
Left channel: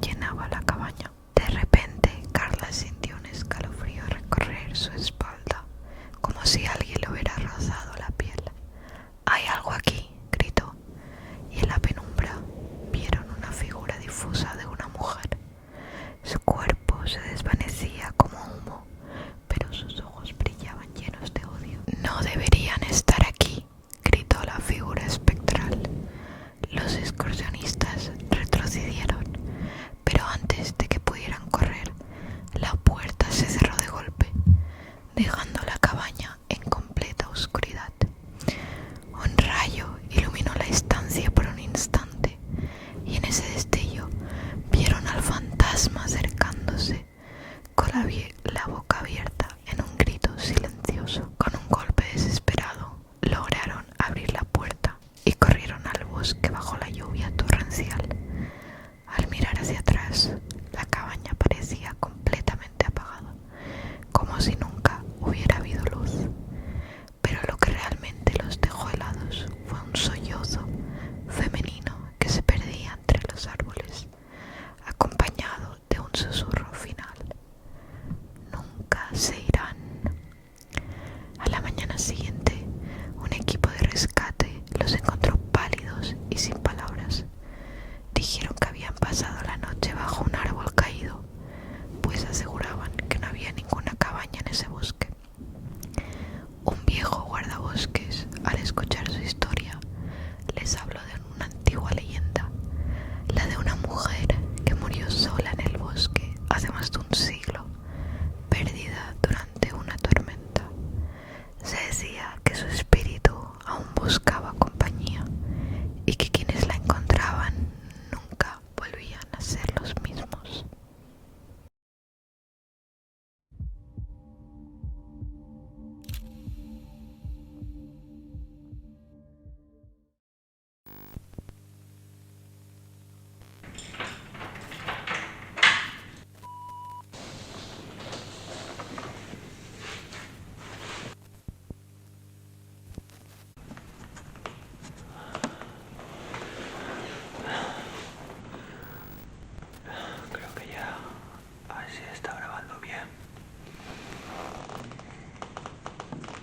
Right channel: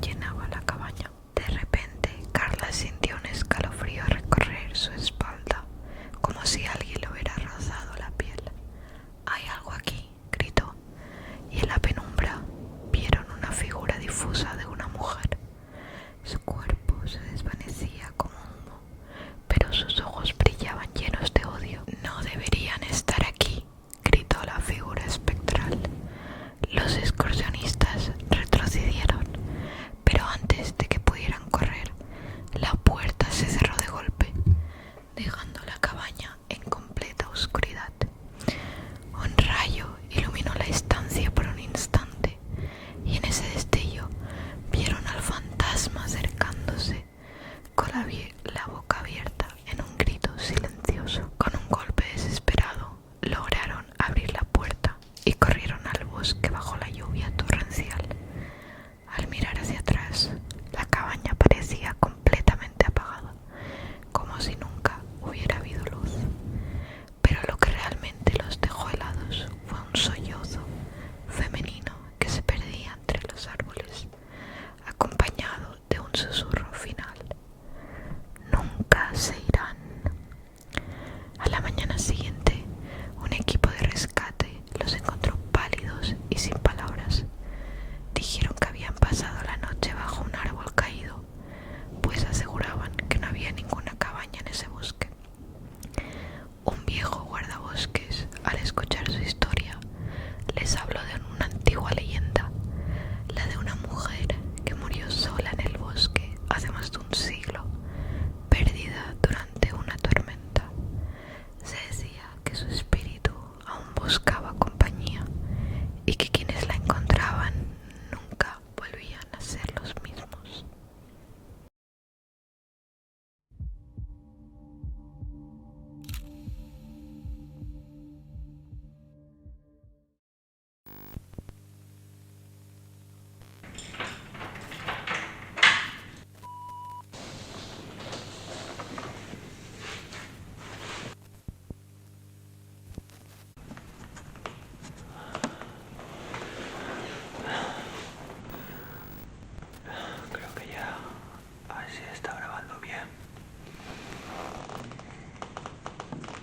llenaba la cabaña. De repente, Carla sintió un escalofrío recorrer su espalda, como si alguien le hubiera rozado la piel. «¡Hay algo aquí!», gritó, y en la penumbra vieron una figura difusa de una mujer. Su cuerpo se desvanecía como humo, pero sus ojos brillaban llenos de odio. «¡No deberían estar aquí!», gritó la figura espectral. Los excursionistas retrocedieron, pero antes de que pudieran correr, la puerta se cerró de golpe, dejando la cabaña en completa oscuridad. Un rayo iluminó la estancia por un instante, y en ese destello vieron al fantasma acercándose, con la boca abierta en un grito silencioso. Con un golpe desesperado, lograron abrir la puerta y corrieron al bosque bajo la lluvia torrencial. Al mirar hacia atrás, la cabaña parecía completamente apagada, como si nunca hubiera habido luz. Pero lo que realmente los dejó helados fue un sollozo femenino que se perdía entre los árboles, acompañado de un susurro final: «Nunca se irán». A la mañana siguiente, un equipo de rescate los encontró pálidos y sin palabras. Dijeron que habían pasado la noche bajo un árbol caído, pues aseguraban que no había ninguna cabaña en ese bosque. Un viejo guardabosques, al escuchar su historia, les habló de una antigua leyenda, la de una mujer que murió sola en el bosque hace más de un siglo, perdida durante una tormenta. Se decía que su espíritu aún buscaba compañía y que quienes la encontraban nunca volvían a ser los mismos. Creo que ya así está grabando bien.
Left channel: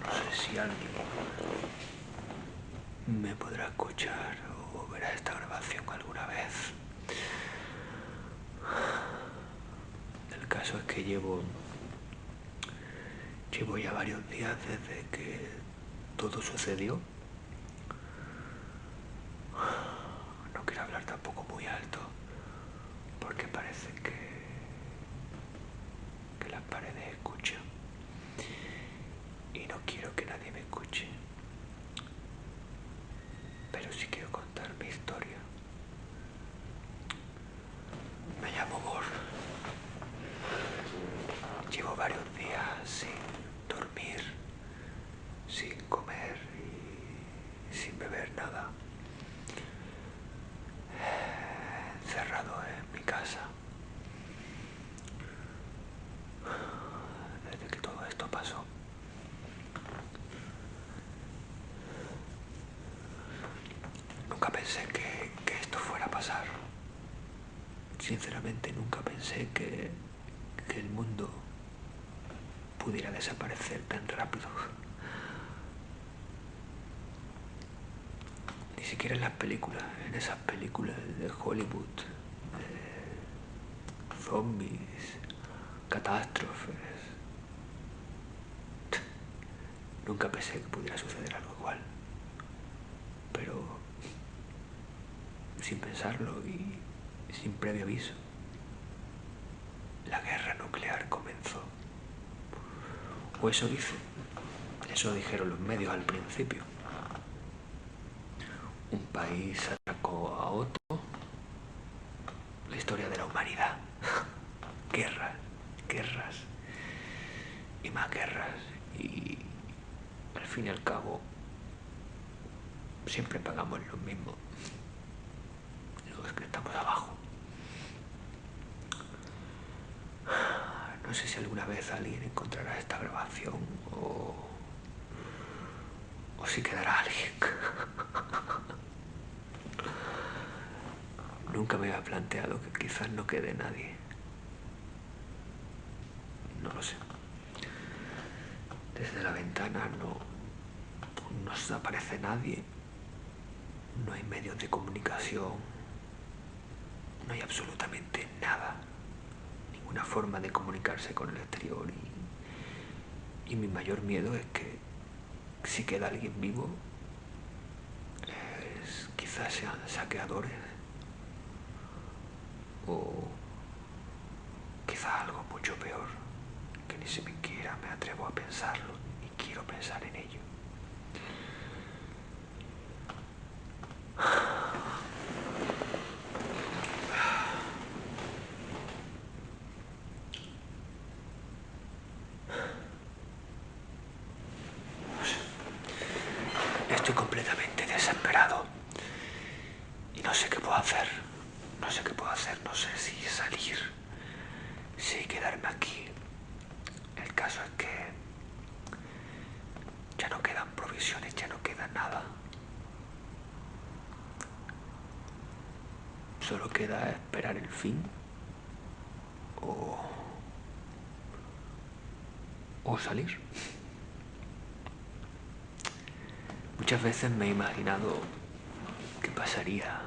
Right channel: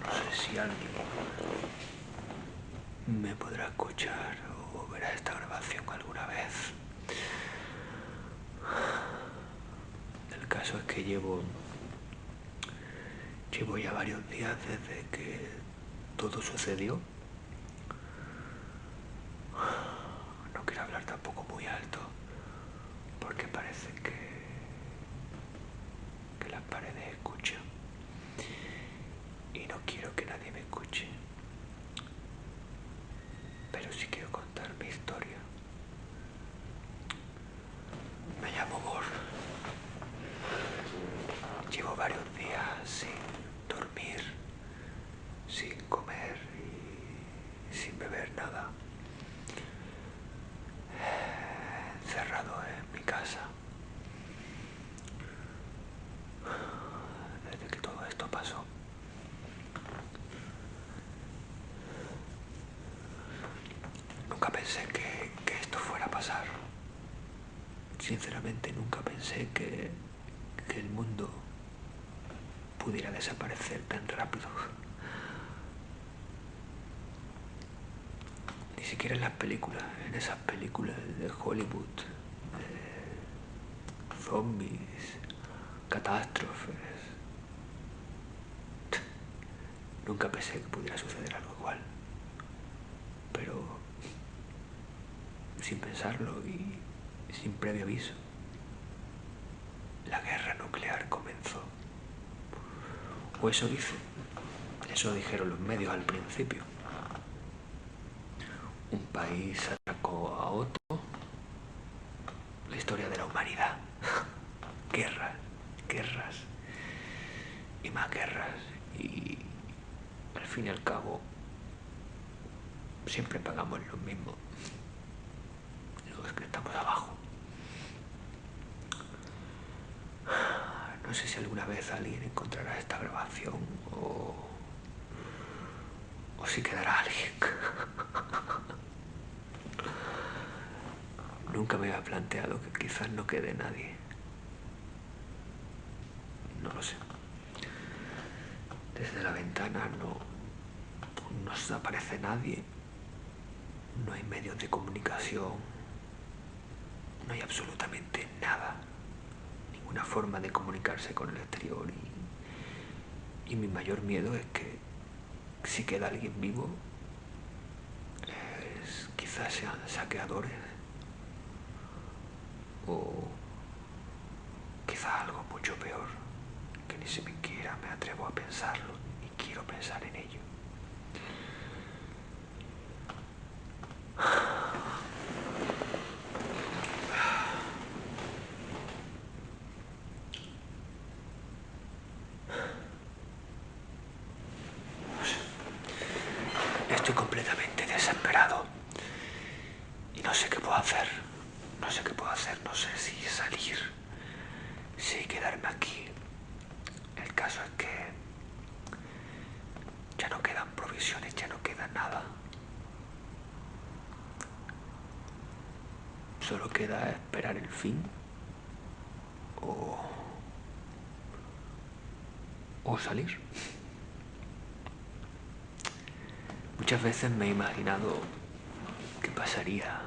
No sé si alguien me podrá escuchar o verá esta grabación alguna vez. El caso es que llevo ya varios días desde que todo sucedió. No quiero hablar tampoco muy alto, porque parece que las paredes escuchan. Y no quiero que nadie me escuche. Pero sí quiero contar mi historia. Me llamo Bor. Llevo varios días sin dormir, sin comer y sin beber nada. Encerrado en mi casa. Desde que todo esto pasó. Nunca pensé que esto fuera a pasar. Sinceramente nunca pensé que el mundo pudiera desaparecer tan rápido. Ni siquiera en las películas, en esas películas de Hollywood, zombies, catástrofes. Nunca pensé que pudiera suceder algo igual. Pero sin pensarlo y sin previo aviso, la guerra nuclear comenzó. O eso dicen, eso dijeron los medios al principio. Un país atacó a otro. La historia de la humanidad. Guerras, guerras y más guerras. Y al fin y al cabo siempre pagamos lo mismo. Los que estamos abajo. No sé si alguna vez alguien encontrará esta grabación o si quedará alguien. nunca me había planteado que quizás no quede nadie. No lo sé. Desde la ventana no se aparece nadie. No hay medios de comunicación. No hay absolutamente nada. Ninguna forma de comunicarse con el exterior. Y mi mayor miedo es que si queda alguien vivo, quizás sean saqueadores. O quizás algo mucho peor, que ni siquiera me atrevo a pensarlo, ni quiero pensar en ello. Estoy completamente desesperado y no sé qué puedo hacer. No sé qué puedo hacer, no sé si salir, si quedarme aquí. El caso es que ya no quedan provisiones, ya no queda nada. Solo queda esperar el fin o salir. Muchas veces me he imaginado qué pasaría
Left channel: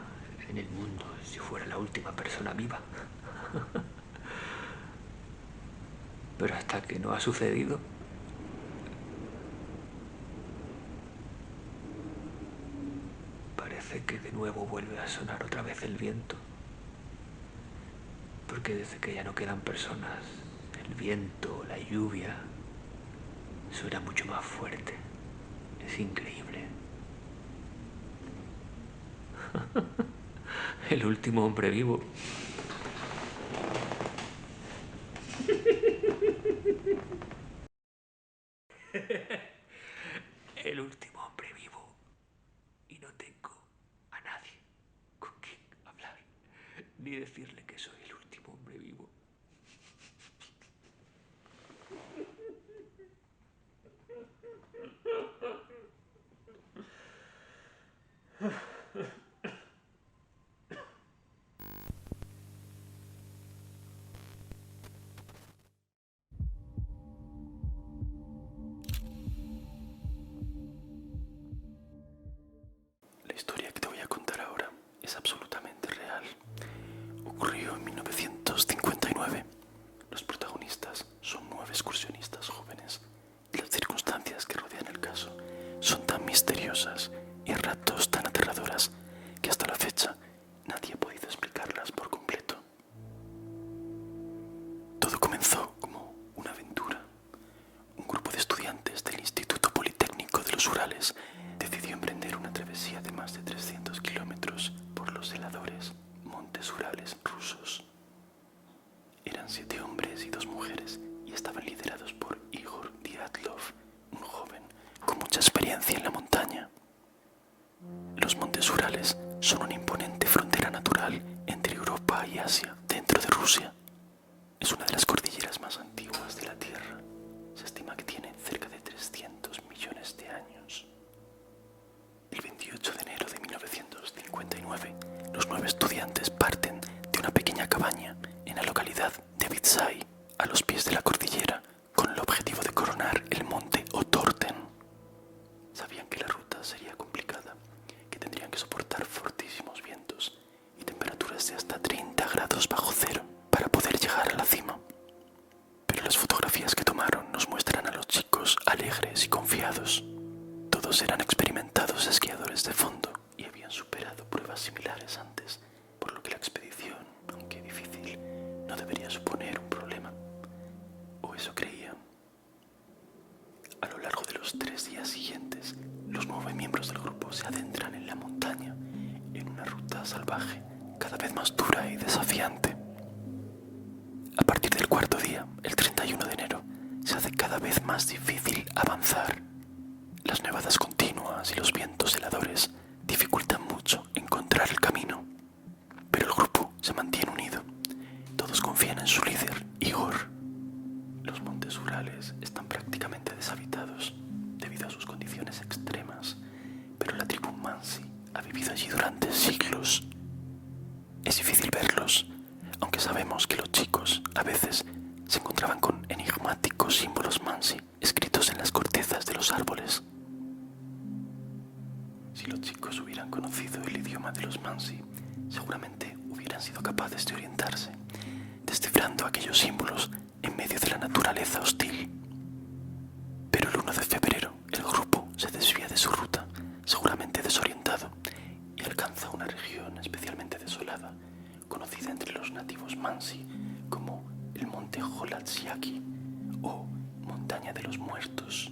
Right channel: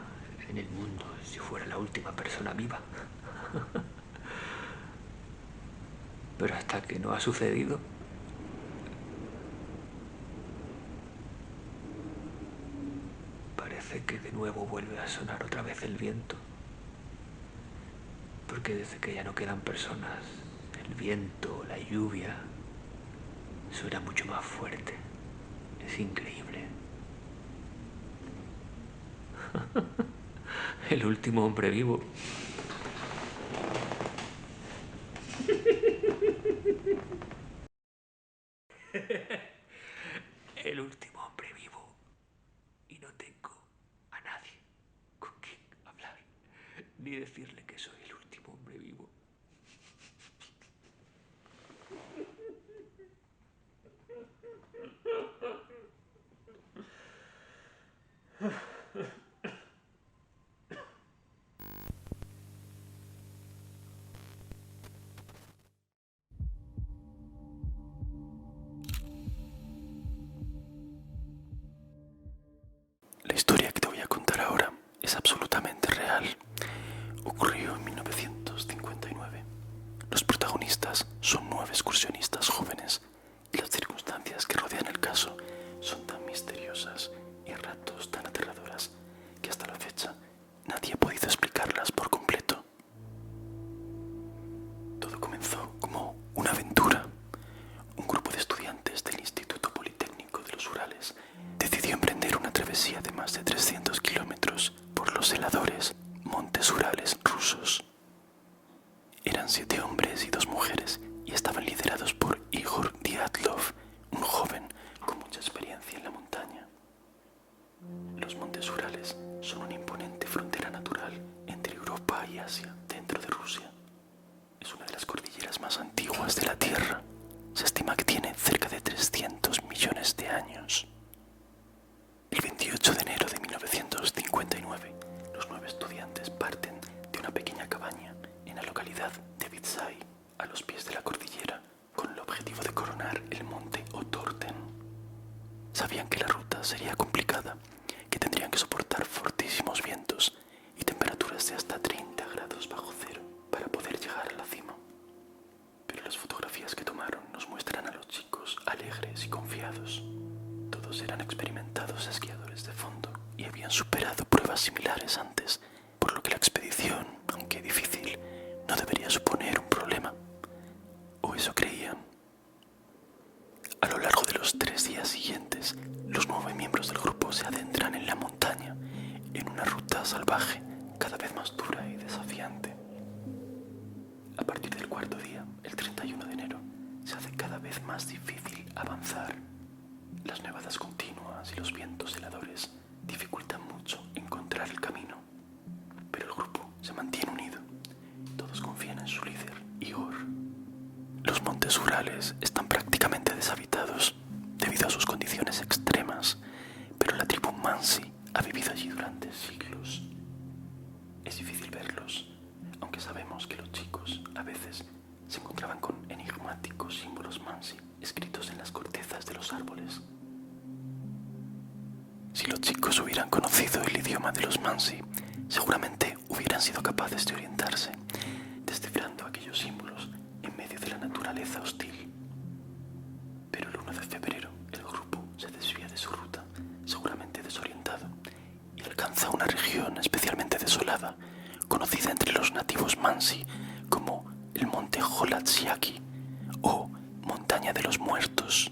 en el mundo si fuera la última persona viva. Pero hasta que no ha sucedido, parece que de nuevo vuelve a sonar otra vez el viento. Porque desde que ya no quedan personas, el viento, la lluvia, suena mucho más fuerte. Es increíble. El último hombre vivo. El último hombre vivo. Y no tengo a nadie con quien hablar, ni decirle que soy el último hombre vivo. La historia que te voy a contar ahora es absolutamente real. Ocurrió en 1959. Los protagonistas son 9 excursionistas jóvenes y las circunstancias que rodean el caso son tan misteriosas y a ratos tan aterradoras que hasta la fecha nadie ha podido explicarlas por completo. Todo comenzó como una aventura. Un grupo de estudiantes del Instituto Politécnico de los Urales decidió emprender una travesía de más de 300 kilómetros por los heladores Montes Urales rusos. Eran 7 hombres y 2 mujeres y estaban liderados por Igor Dyatlov, un joven con mucha experiencia en la montaña. Los Montes Urales son una imponente frontera natural entre Europa y Asia, dentro de Rusia. Es una de las cordilleras más antiguas de la Tierra. Se estima que tiene cerca de 300 millones de años. El 28 de enero de 1959, los 9 estudiantes parten de una pequeña cabaña en la localidad de Vitsai, a los pies de la cordillera, con el objetivo de coronar el monte Otorten. Sabían que la ruta sería complicada, que tendrían que soportar fortísimos vientos y temperaturas de hasta 30 grados bajo cero para poder llegar a la cima. Pero las fotografías que tomaron nos muestran a los chicos alegres y confiados. Todos eran experimentados esquiadores de fondo y habían superado pruebas similares antes, por lo que la expedición, aunque difícil, no debería suponer un problema. O eso creían. A lo largo de los 3 días siguientes, los 9 miembros del grupo se adentran en la montaña, en una ruta salvaje, cada vez más dura y desafiante. A partir del 4.º día, el 31 de enero, se hace cada vez más difícil avanzar. Las nevadas continuas y los vientos heladores dificultan mucho encontrar el camino. Pero el grupo se mantiene unido. Todos confían en su líder, Igor. Los Montes Urales están prácticamente deshabitados debido a sus condiciones extremas, pero la tribu Mansi ha vivido allí durante siglos. Es difícil A veces se encontraban con enigmáticos símbolos Mansi escritos en las cortezas de los árboles. Si los chicos hubieran conocido el idioma de los Mansi, seguramente hubieran sido capaces de orientarse, descifrando aquellos símbolos en medio de la naturaleza hostil. Pero el 1 de febrero el grupo se desvía de su ruta, seguramente desorientado, y alcanza una región especialmente desolada, conocida entre los nativos Mansi como el monte Holatsiaki o Montaña de los Muertos.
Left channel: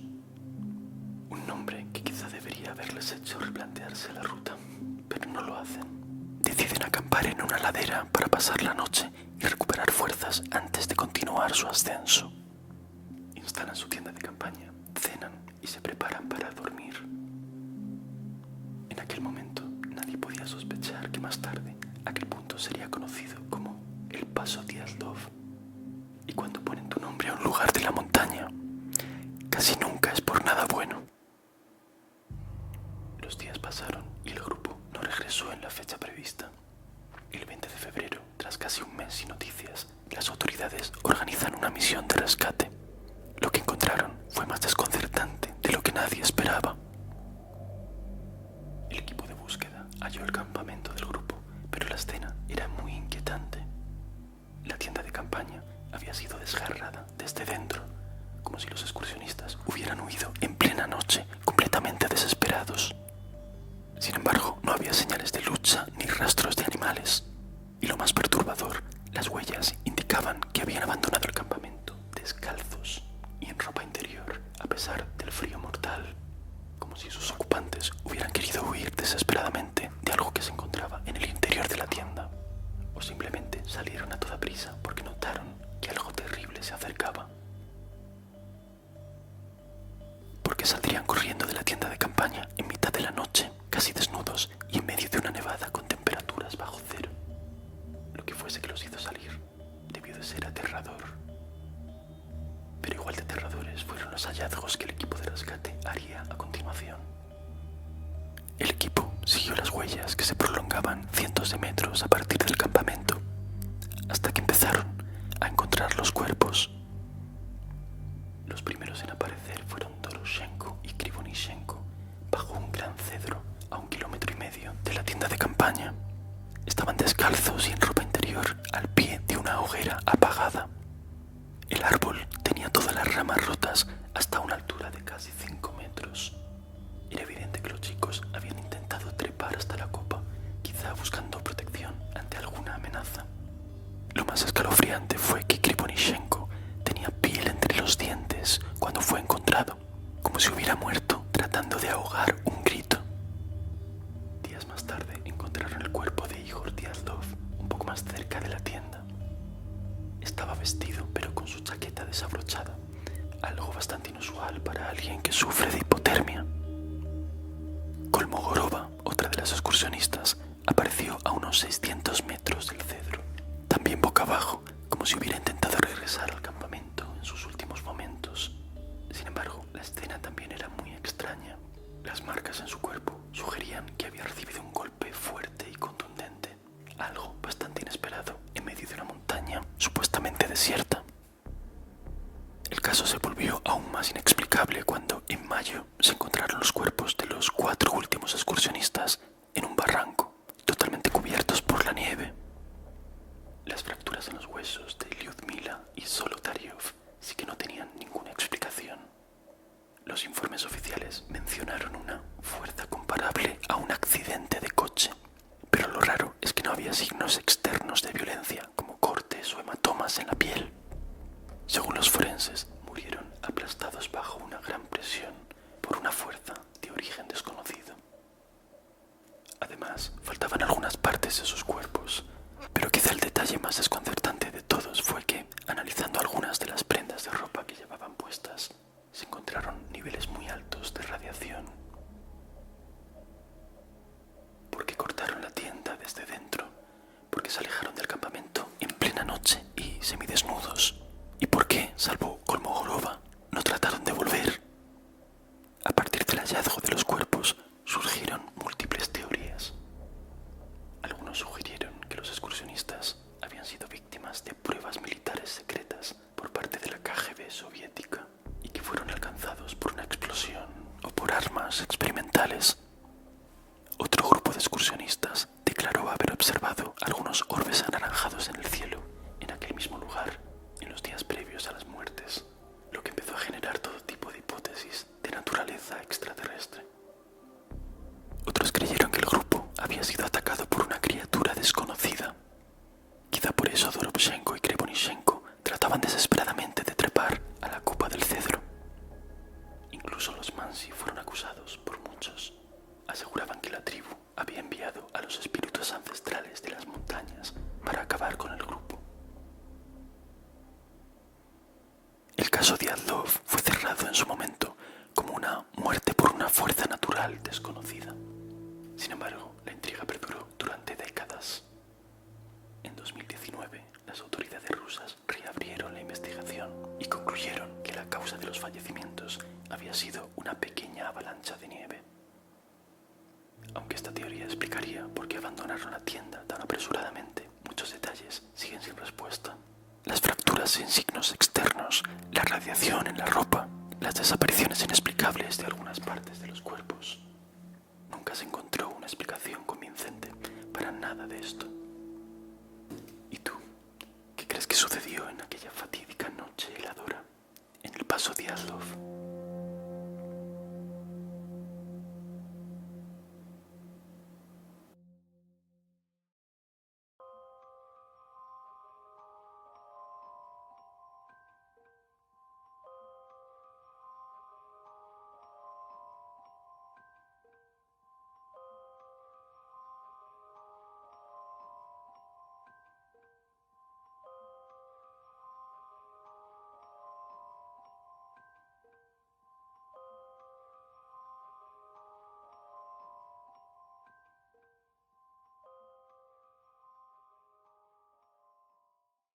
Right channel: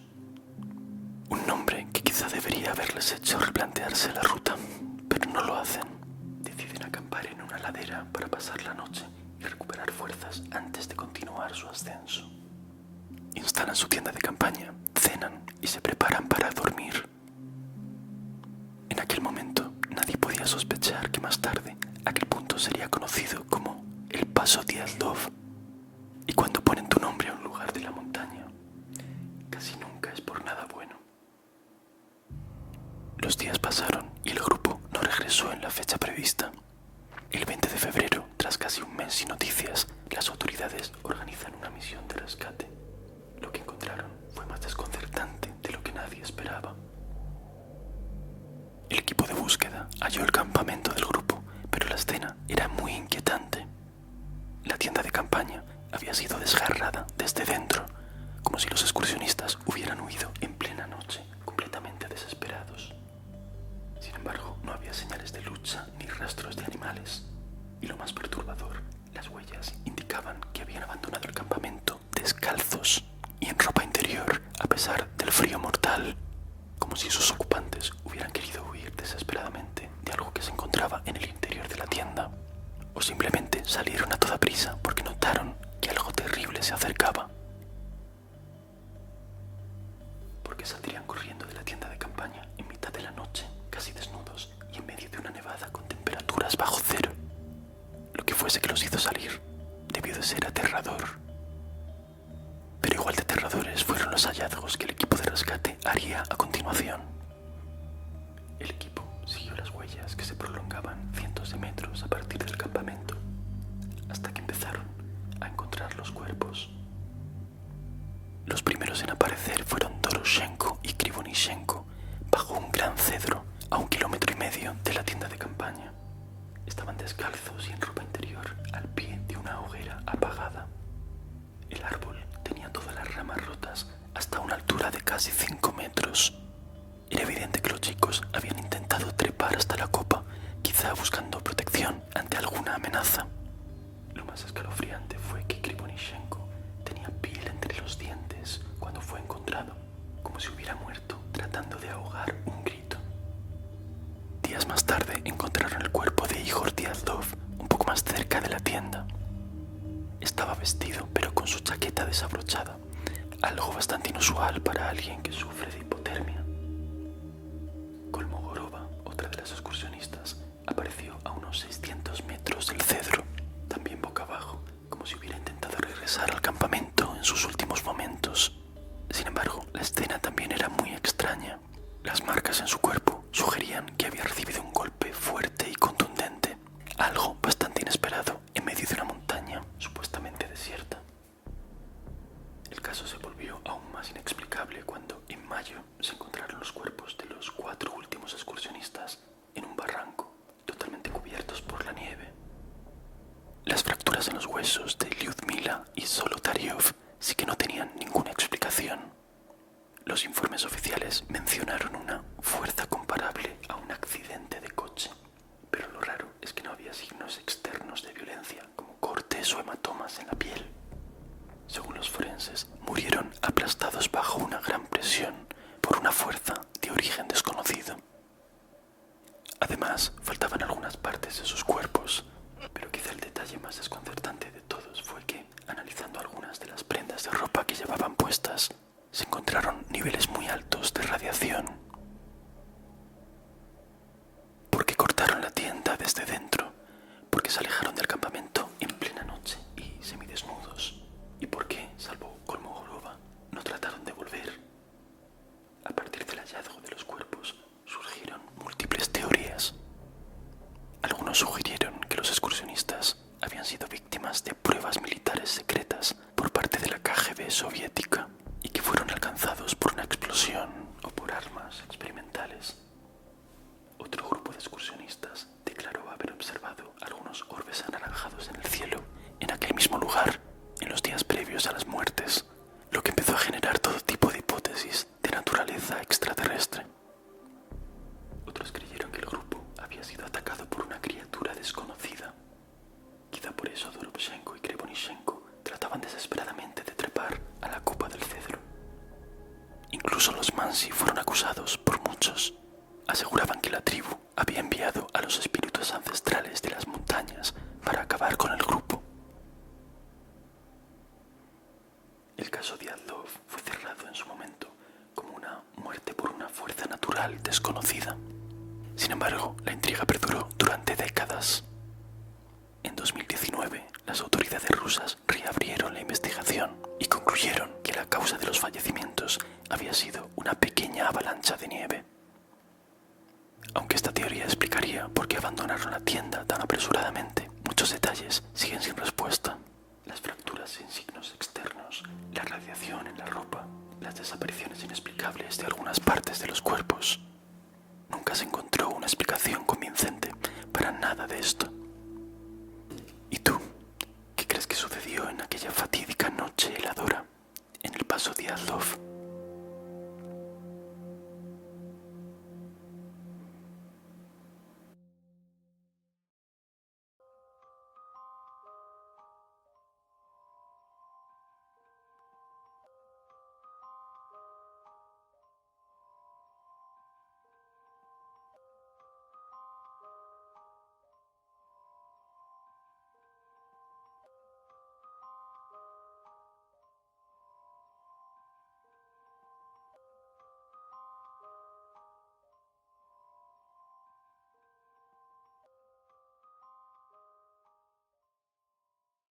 Un nombre que quizá debería haberles hecho replantearse la ruta, pero no lo hacen. Deciden acampar en una ladera para pasar la noche y recuperar fuerzas antes de continuar su ascenso. Instalan su tienda de campaña, cenan y se preparan para dormir. En aquel momento nadie podía sospechar que más tarde aquel punto sería conocido como el Paso Diatlov. Y cuando ponen tu nombre a un lugar de la montaña, casi nunca es por nada bueno. Los días pasaron y el grupo no regresó en la fecha prevista. El 20 de febrero, tras casi un mes sin noticias, las autoridades organizan una misión de rescate. Lo que encontraron fue más desconcertante de lo que nadie esperaba. El equipo de búsqueda halló el campamento del grupo, pero la escena era muy inquietante. La tienda de campaña había sido desgarrada desde dentro, como si los excursionistas hubieran huido en plena noche, completamente desesperados. Sin embargo, no había señales de lucha ni rastros de animales. Y lo más perturbador, las huellas indicaban que habían abandonado el campamento descalzos y en ropa interior, a pesar del frío mortal, como si sus ocupantes hubieran querido huir desesperadamente de algo que se encontraba en el interior de la tienda, o simplemente salieron a toda prisa porque notaron que algo terrible se acercaba. ¿Por qué saldrían corriendo de la tienda de campaña en mitad de la noche, casi desnudos y en medio de una nevada con temperaturas bajo cero? Lo que fuese que los hizo salir debió de ser aterrador. Pero igual de aterradores fueron los hallazgos que el equipo de rescate haría a continuación. El equipo siguió las huellas que se prolongaban cientos de metros a partir del campamento, hasta que empezaron a encontrar los cuerpos. Los primeros en aparecer fueron Doroshenko y Krivonishenko, bajo un gran cedro a 1,5 kilómetros de la tienda de campaña. Estaban descalzos y en ropa interior al pie de una hoguera apagada. El árbol tenía todas las ramas rotas hasta una altura de casi 5 metros. Era evidente que los chicos habían intentado trepar hasta la copa, quizá buscando protección ante alguna amenaza. Lo más escalofriante fue que Krivonishenko tenía piel entre los dientes cuando fue encontrado, como si hubiera muerto tratando de ahogar un grito. Días más tarde encontraron el cuerpo de Igor Diatlov un poco más cerca de la tienda. Estaba vestido, pero con su chaqueta desabrochada, algo bastante inusual para alguien que sufre de hipotermia. Kolmogorova, otra de las excursionistas, apareció a unos 600 metros del cedro, también boca abajo, como si hubiera intentado regresar al campamento en sus últimos momentos. Sin embargo, la escena también era muy extraña. Las marcas en su cuerpo sugerían que había recibido un golpe fuerte y contundente, algo bastante inesperado en medio de una montaña supuestamente desierta. El caso se volvió aún más inexplicable cuando, en mayo, se encontraron los cuerpos de los 4 últimos excursionistas en un barranco, totalmente cubiertos por la nieve. Las fracturas en los huesos de Lyudmila y Zolotaryov sí que no tenían ninguna explicación. Los informes oficiales mencionaron una fuerza comparable a un accidente de coche, pero lo raro es que no había signos externos de violencia, como cortes o hematomas en la piel. Según los forenses, murieron aplastados bajo una gran presión por una fuerza de origen desconocido. Además, faltaban algunas partes de sus cuerpos, pero quizá el detalle más desconcertante de todos fue que, analizando algunas de las prendas de ropa que llevaban puestas, se encontraron niveles muy altos de radiación. ¿Por qué cortaron la tienda desde dentro? ¿Por qué se alejaron del campamento en plena noche y semidesnudos? ¿Y por qué, salvo Kolmogorova, no trataron de volver? A partir del hallazgo de los cuerpos surgieron múltiples teorías. Algunos sugirieron que los excursionistas habían sido víctimas víctimas de pruebas militares secretas por parte de la KGB soviética y que fueron alcanzados por una explosión o por armas experimentales. Otro grupo de excursionistas declaró haber observado algunos orbes anaranjados en el cielo en aquel mismo lugar en los días previos a las muertes, lo que empezó a generar todo tipo de hipótesis de naturaleza extraterrestre. Otros creyeron que el grupo había sido atacado por una criatura desconocida. Quizá por eso Doroshenko y Kreponichenko trataban desesperadamente de trepar a la copa del cedro. Incluso los Mansi fueron acusados por muchos. Aseguraban que la tribu había enviado a los espíritus ancestrales de las montañas para acabar con el grupo. El caso Diatlov fue cerrado en su momento como una muerte por una fuerza natural desconocida. Sin embargo, la intriga perduró durante décadas. En 2019, las autoridades rusas reabrieron la investigación y concluyeron que la causa de los fallecimientos había sido una pequeña avalancha de nieve. Aunque esta teoría explicaría por qué abandonaron la tienda tan apresuradamente, muchos detalles siguen sin respuesta. Las fracturas en signos externos, la radiación en la ropa, las desapariciones inexplicables de algunas partes de los cuerpos. Nunca se encontró una explicación convincente para nada de esto. ¿Y tú? ¿Qué crees que sucedió en aquella fatídica noche heladora en el paso Diatlov?